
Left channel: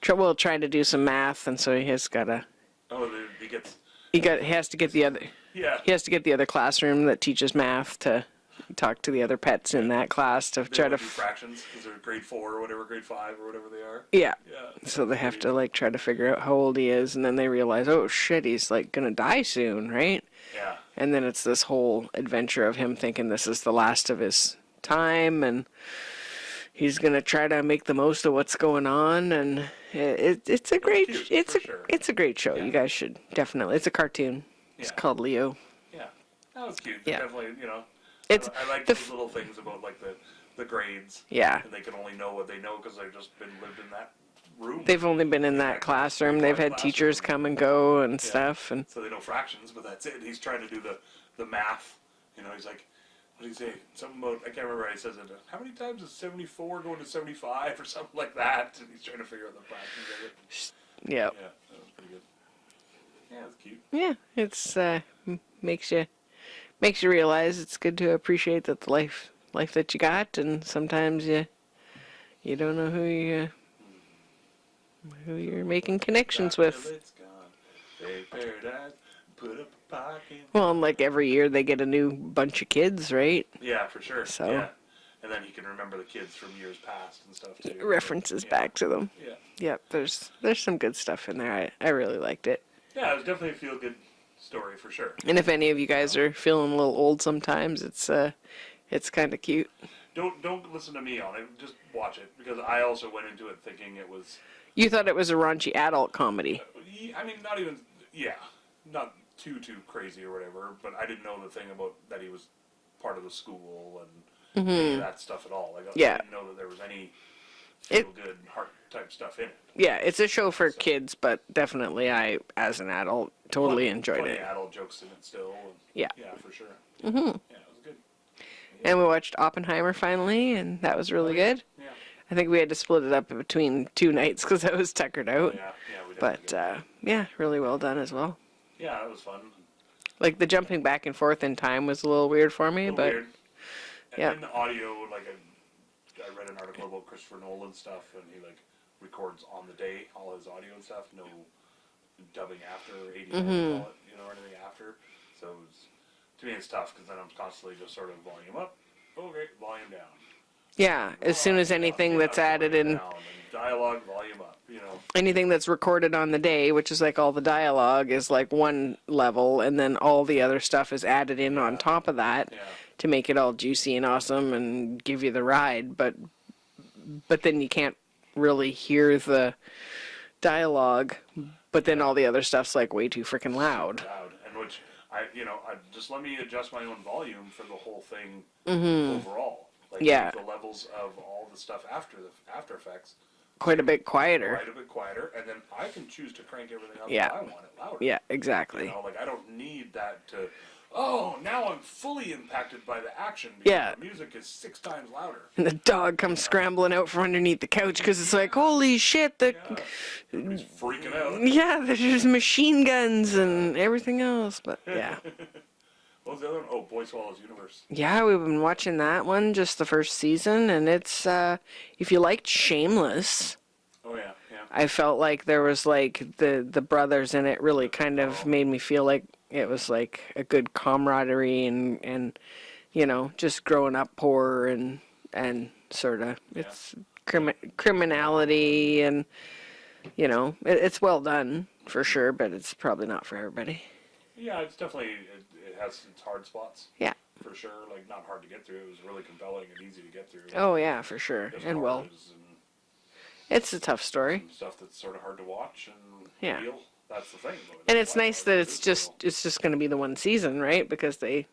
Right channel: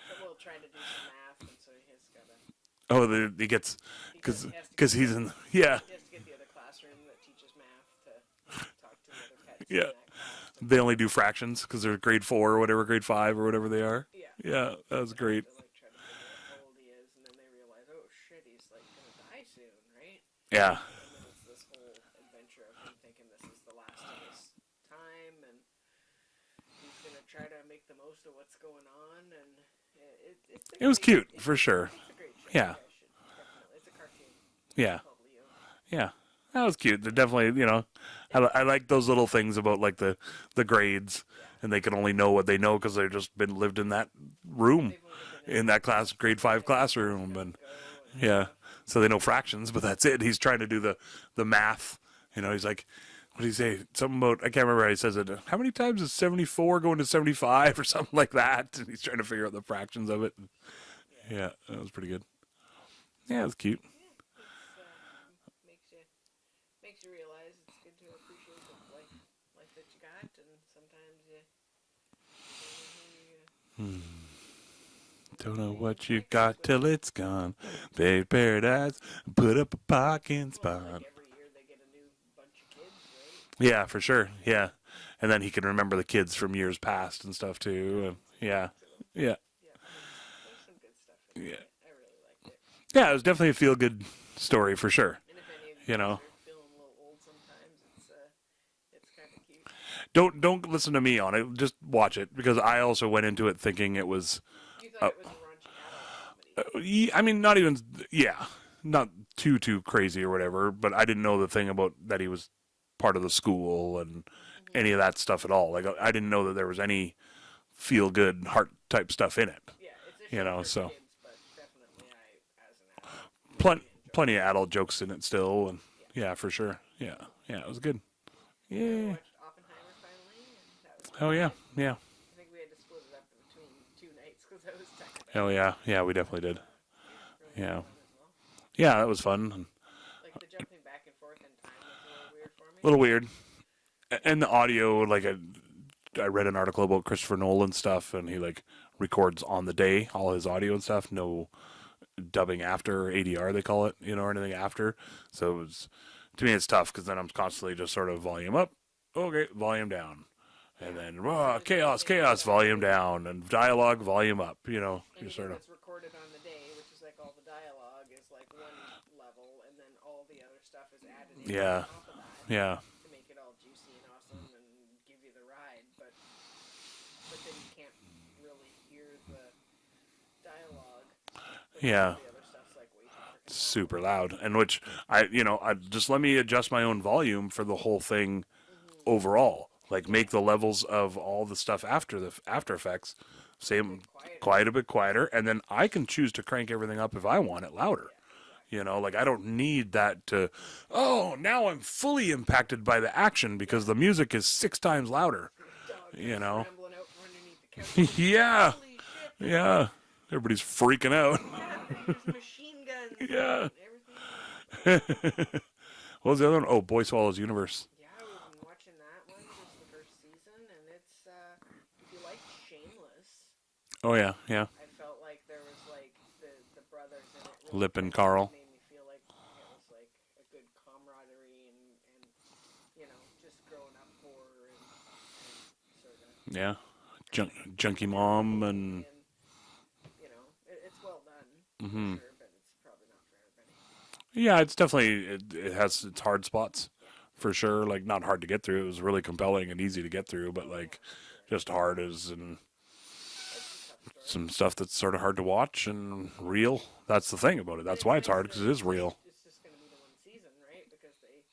trying to do some math, and so he has got to. Oh, he gets. He has to get 'cause the he's other. in- yeah. He has to get the other classroom that teaches math to talk to the other pets in Yeah. that class to They try only to do fractions because they're grade 4 or whatever, grade 5 or whatever they are. yeah. Yeah. So that's they have great. to like try to figure out how old he is, and then they realize, oh shit, he's like gonna die soon, right? Yeah. And then it's this whole adventure of him thinking this is the last of his time, and he's gonna try to make the most of what's going on. And it's a was great, cute, it's for a, sure. It's a great show. Yeah. You guys should definitely. It's a cartoon. Yeah. It's called Leo. Yeah. That was cute. They Yeah. definitely, It's- I like those little things about like the grades. Yeah. And they can only know what they know because they've just lived in that room. They've only been in that class, classroom. grade They've 5 had teachers classroom, come and go and Yeah. stuff. And So they know fractions, but that's it. He's trying to do the math. He's like, what do you say? Something about, I can't remember how he says it. How many times is 74 going to 75 or something like that? And he's trying to figure out the fractions of it. yeah. Yeah, that was pretty good. Yeah, it was cute. Yeah, it's makes you realize it's good to appreciate that the life that you got, and sometimes you don't know who you who Don't you're know making what you connections got till with. it's gone. Baby paradise, put up a parking spot. Well, and like every year they get a new bunch of kids, right? Yeah, for sure. So- Yeah. And then he can remember the kids from years past and stuff too. References Yeah. back to them. Yeah. Yep, there's some good stuff in there. I really liked it. Yeah, it was definitely a feel good story for sure. And if any of you guys know. are feeling a little old sometimes, it's kind of cute. Don't listen to me on it. Just watch it because I also went into it thinking it was You thought it was a raunchy adult comedy. I mean not even not too crazy or whatever, but I didn't know the thing about that he was part of the school and any of that stuff at all. Like Yeah. I didn't know that there was any feel good heart type stuff in it. Yeah, it's a show know, for so- kids, but definitely I, as an adult, totally enjoyed Plenty it. of adult jokes in it still, and Yeah. for sure. Yeah, yeah, it was good. And we watched Oppenheimer finally, and that was really yeah. good. Yeah. I think we had to split it up between 2 nights because I was tuckered out. Oh yeah, we definitely But did. yeah, really well Yeah. done as well. Yeah, that was fun. Like the jumping back and forth in time was a little weird for me. A little but weird. yeah. And the audio, like I read an article about Christopher Nolan stuff, and he like records on the day all his audio and stuff. No dubbing after ADR they call it, or anything after. So it was, to me it's tough because then I'm constantly just sort of volume up, okay, volume down. Yeah, And, as soon as chaos, anything chaos, that's added volume in, down, and dialogue volume up. anything that's recorded on the day, which is like all the dialogue, is like one level, and then all the other stuff is added in Yeah. on top of that Yeah. to make it all juicy and awesome and give you the ride. But then you can't really hear the dialogue. But then Yeah. all the other stuff's like way too freaking loud. Super loud, and which I just let me adjust my own volume for the whole thing overall. Like Yeah. make the levels of all the stuff after the After Effects Quite a same- bit quieter. quite a bit quieter, and then I can choose to crank everything up Yeah. if I want it louder. Yeah, exactly. Like I don't need that to. Oh, now I'm fully impacted by the action because Yeah. the music is 6 times louder. And the dog comes know. scrambling out from underneath the couch because it's like, Yeah. holy shit, Yeah, everybody's freaking out. Yeah, there's machine guns and everything else. But yeah. What was the other one? Oh, Boy Swallows Universe. Yeah, we've been watching that one, just the first season, and it's if you liked Shameless, Oh yeah, yeah. I felt like there was like the brothers in it really Lip and kind Carl. of made me feel like it was like a good camaraderie and just growing up poor and sort of Yeah. Drinking criminality and it's well done for sure, but it's probably not for everybody. Yeah, it's definitely it has its hard spots. Yeah. For sure, like not hard to get through. It was really compelling and easy to get through. but, Oh like, yeah, for sure. just And hard well, as and it's a tough story. some stuff that's sort of hard to watch and Yeah. real. That's the thing about it. And That's it's why it's nice hard. that 'Cause it's it is just going to be the one season, right? Because they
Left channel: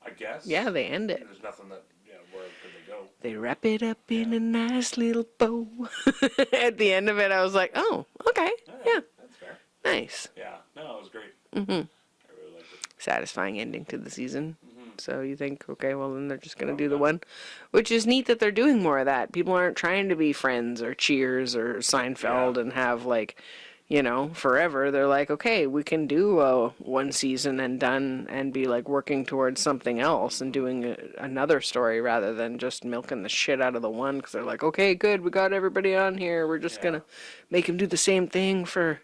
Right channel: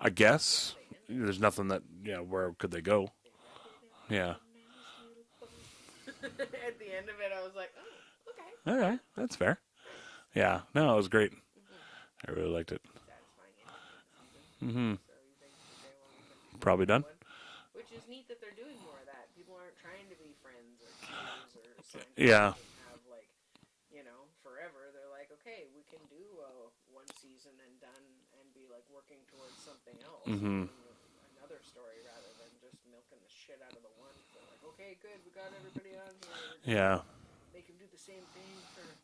I guess. they end it. There's nothing that where could they go? They wrap it up in Yeah. a nice little bow. At the end of it, I was like, oh, okay, Yeah, yeah, that's fair. nice. Yeah, no, it was great. I really liked it. Satisfying ending to the season. So you think, okay, well then they're just going to Probably do the done. one, which is neat that they're doing more of that. People aren't trying to be Friends or Cheers or Seinfeld Yeah. and have like, forever. They're like, okay, we can do one season and done and be like working towards something else and doing another story rather than just milking the shit out of the one because they're like, okay, good, we got everybody on here. We're just Yeah. going to make them do the same thing for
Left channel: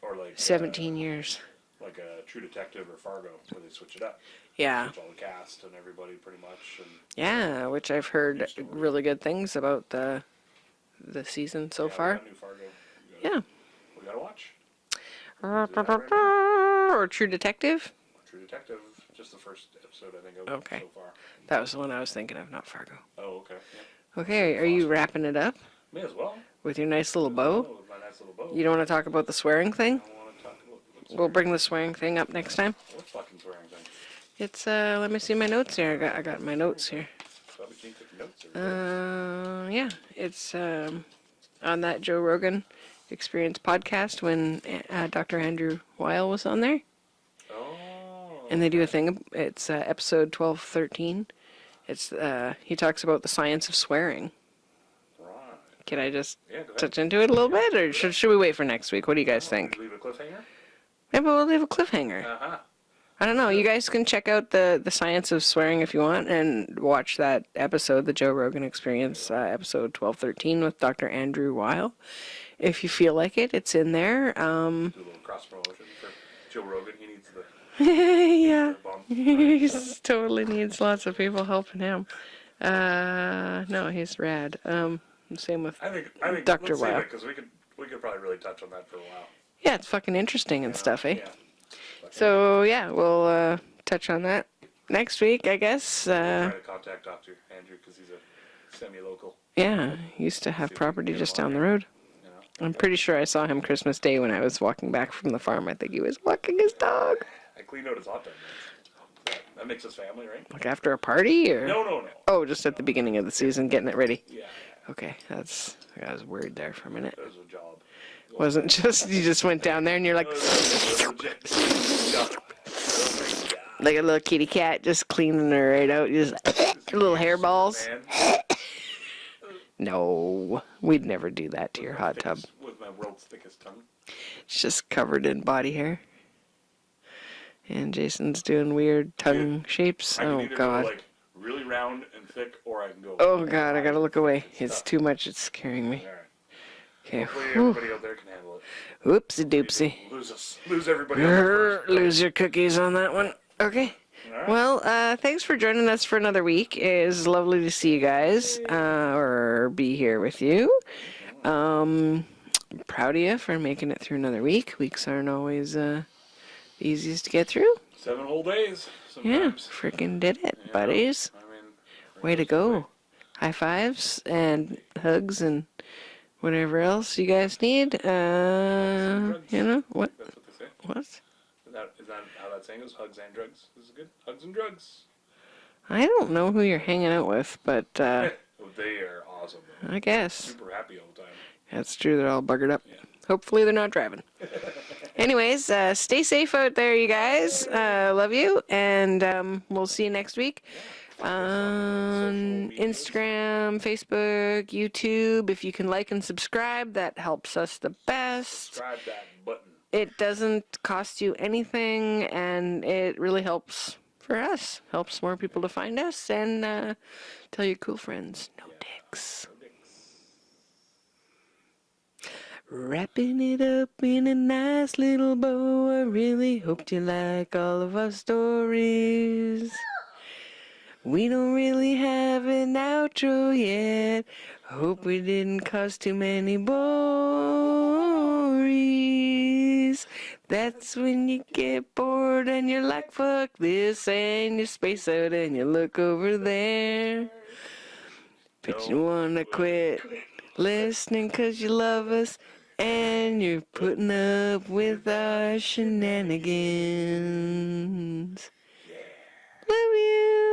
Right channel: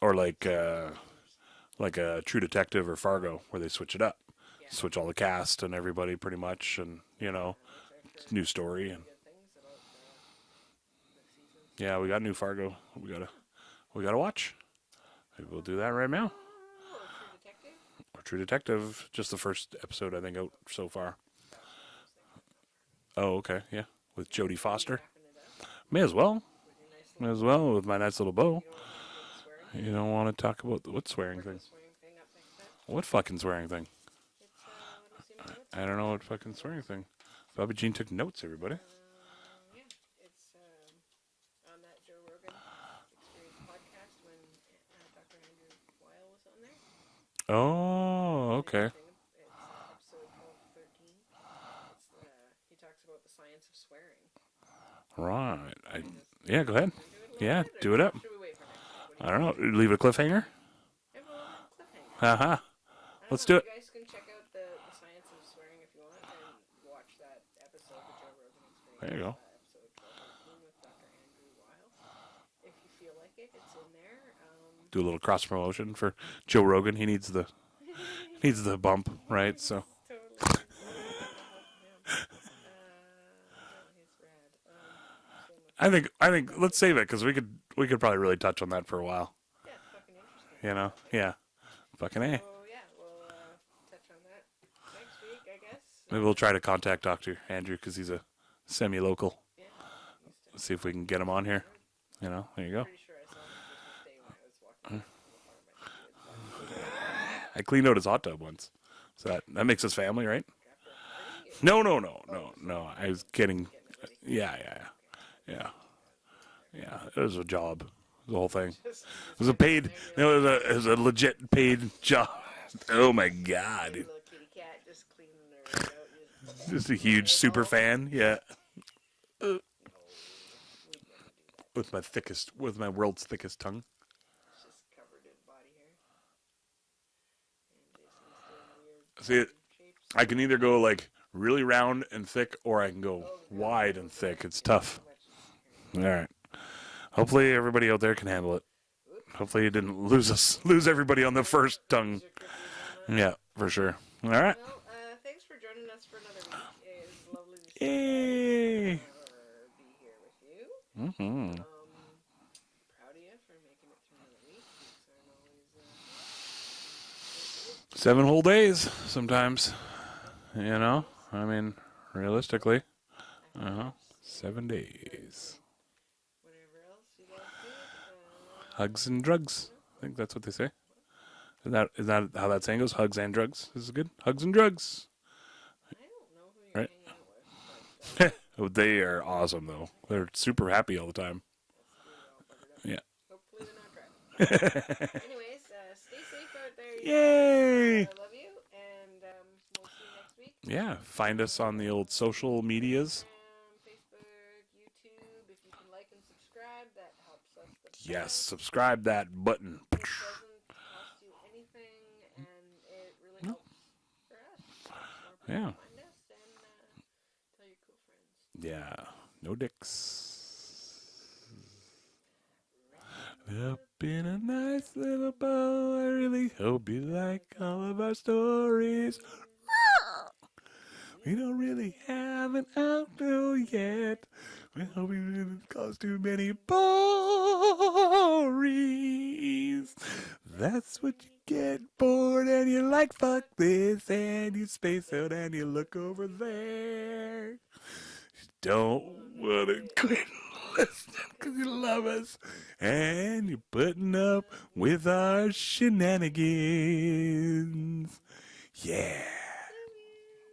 Or like 17 years. like a True Detective or Fargo, where they switch it up. Yeah. Switch all the cast and everybody pretty much, and Yeah, which I've heard new story. really good things about the season so yeah, far. we got new Fargo. Yeah. We gotta watch. We'll do that right now. Or True Detective. True Detective, just the first episode I think out Okay. so far. That was the one I was thinking of, not Fargo. Oh, okay, yeah. With Okay, Jodie are you Foster. wrapping it up May as well. with your nice little May as bow? well with my nice little bow. You don't want to talk about the swearing You thing? don't want to talk about what We'll swearing? bring the swearing thing up next time. What fucking swearing thing? It's let me see my notes here. don't know I what got fucking my swearing notes thing. here. Bobby Jean took notes, everybody. Yeah, it's on that Joe Rogan Experience podcast when Dr. Andrew Weil was on there. Oh, And they do a okay. thing. It's episode 1213. It's he talks about the science of swearing. Right. Can I just Yeah, go ahead. touch into it a little Yeah, bit, do or it should, up. should we wait for next week? What do you I guys don't- think? Leave a cliffhanger? Maybe we'll leave a cliffhanger. Uh-huh. I don't let's know. do You it. guys can check out the science of swearing if you want, and watch that episode, the Joe Rogan Experience, There you episode 1213 with Dr. Andrew Weil. if you feel like it, it's in there. Do a little cross promotion for Joe Rogan. He needs the Yeah. the bump, right? He So totally needs lots of people helping him. No, he's rad. Same with I think Dr. let's save Wow. it because we could probably really touch on that for a while. yeah, it's fucking interesting You and know? stuff, eh? Yeah. Fucking A. So yeah, we'll touch on that next week, I guess. Maybe we'll try to contact Dr. Andrew because he's a semi-local. Yeah, used to have See if we can property get him just on down the here. road. You know, there I'm you go. pretty sure I saw him Christmas Day when I was walking back from the farm. I think he was walking his dog. I cleaned out his hot tub once. So that makes us family, right? Like after a party, or No. Oh, just at No, the I beginning was of the kidding. season, getting it ready. Yeah. Okay, that's. I was worried there for a minute. It was a job. The whole Wasn't thing. just you just It was a went down paid- there and you're like No, it was a legit paid job. Oh my god. like a little kitty cat just cleaning her right out. You just Just a little huge super hairballs. fan. Yeah. No, we'd never do that to your hot tub. With my world's thickest tongue. It's just covered in body hair. And Jason's doing weird tongue shapes. I can Oh, either God. go like really round and thick, or I can go. Oh God, I wide gotta and look thick. away. It's It's tough. too much. It's scaring me. All right. Okay. Hopefully everybody out there can handle it. Oopsie Hopefully you doopsie. didn't lose everybody on the first. Lose your cookies on that one. Yeah, for Okay. sure. All right. Well, thanks for joining us for another week. It is lovely to see you guys or be here with you. Proud of you for making it through another week. Weeks aren't always easiest to get through. 7 whole days Yeah, sometimes. freaking did it, You know? buddies. I mean, Way to realistically, go. High fives 7 and days. hugs and whatever else you guys need. Hugs and drugs. You know I what? think that's what they say. What? Is that how that saying goes? Hugs and drugs. This is good. Hugs and drugs. I don't know who you're hanging out with, but Oh, they are awesome though. I They're guess. super happy all the time. that's true. They're all buggered up. Yeah. Hopefully they're not driving. Anyways, stay safe out there, you guys. Love you, and we'll see you next week. Yeah. Find us on the old social medias. Instagram, Facebook, YouTube. If you can like and subscribe, that helps us the Yes. best. Subscribe that button. It doesn't cost you anything, and it really helps for us. Helps more people to find us, and tell your cool friends. No dicks. No dicks. Wrapping it up in a nice little bow. I really hoped you like all of our stories. We don't really have an outro yet. Hope we didn't cause too many bories. That's when you get bored and you're like, fuck this, and you space out and you look over there. Don't You wanna quit listening 'cause you love us, and you're putting up with our shenanigans. Yeah. Love you.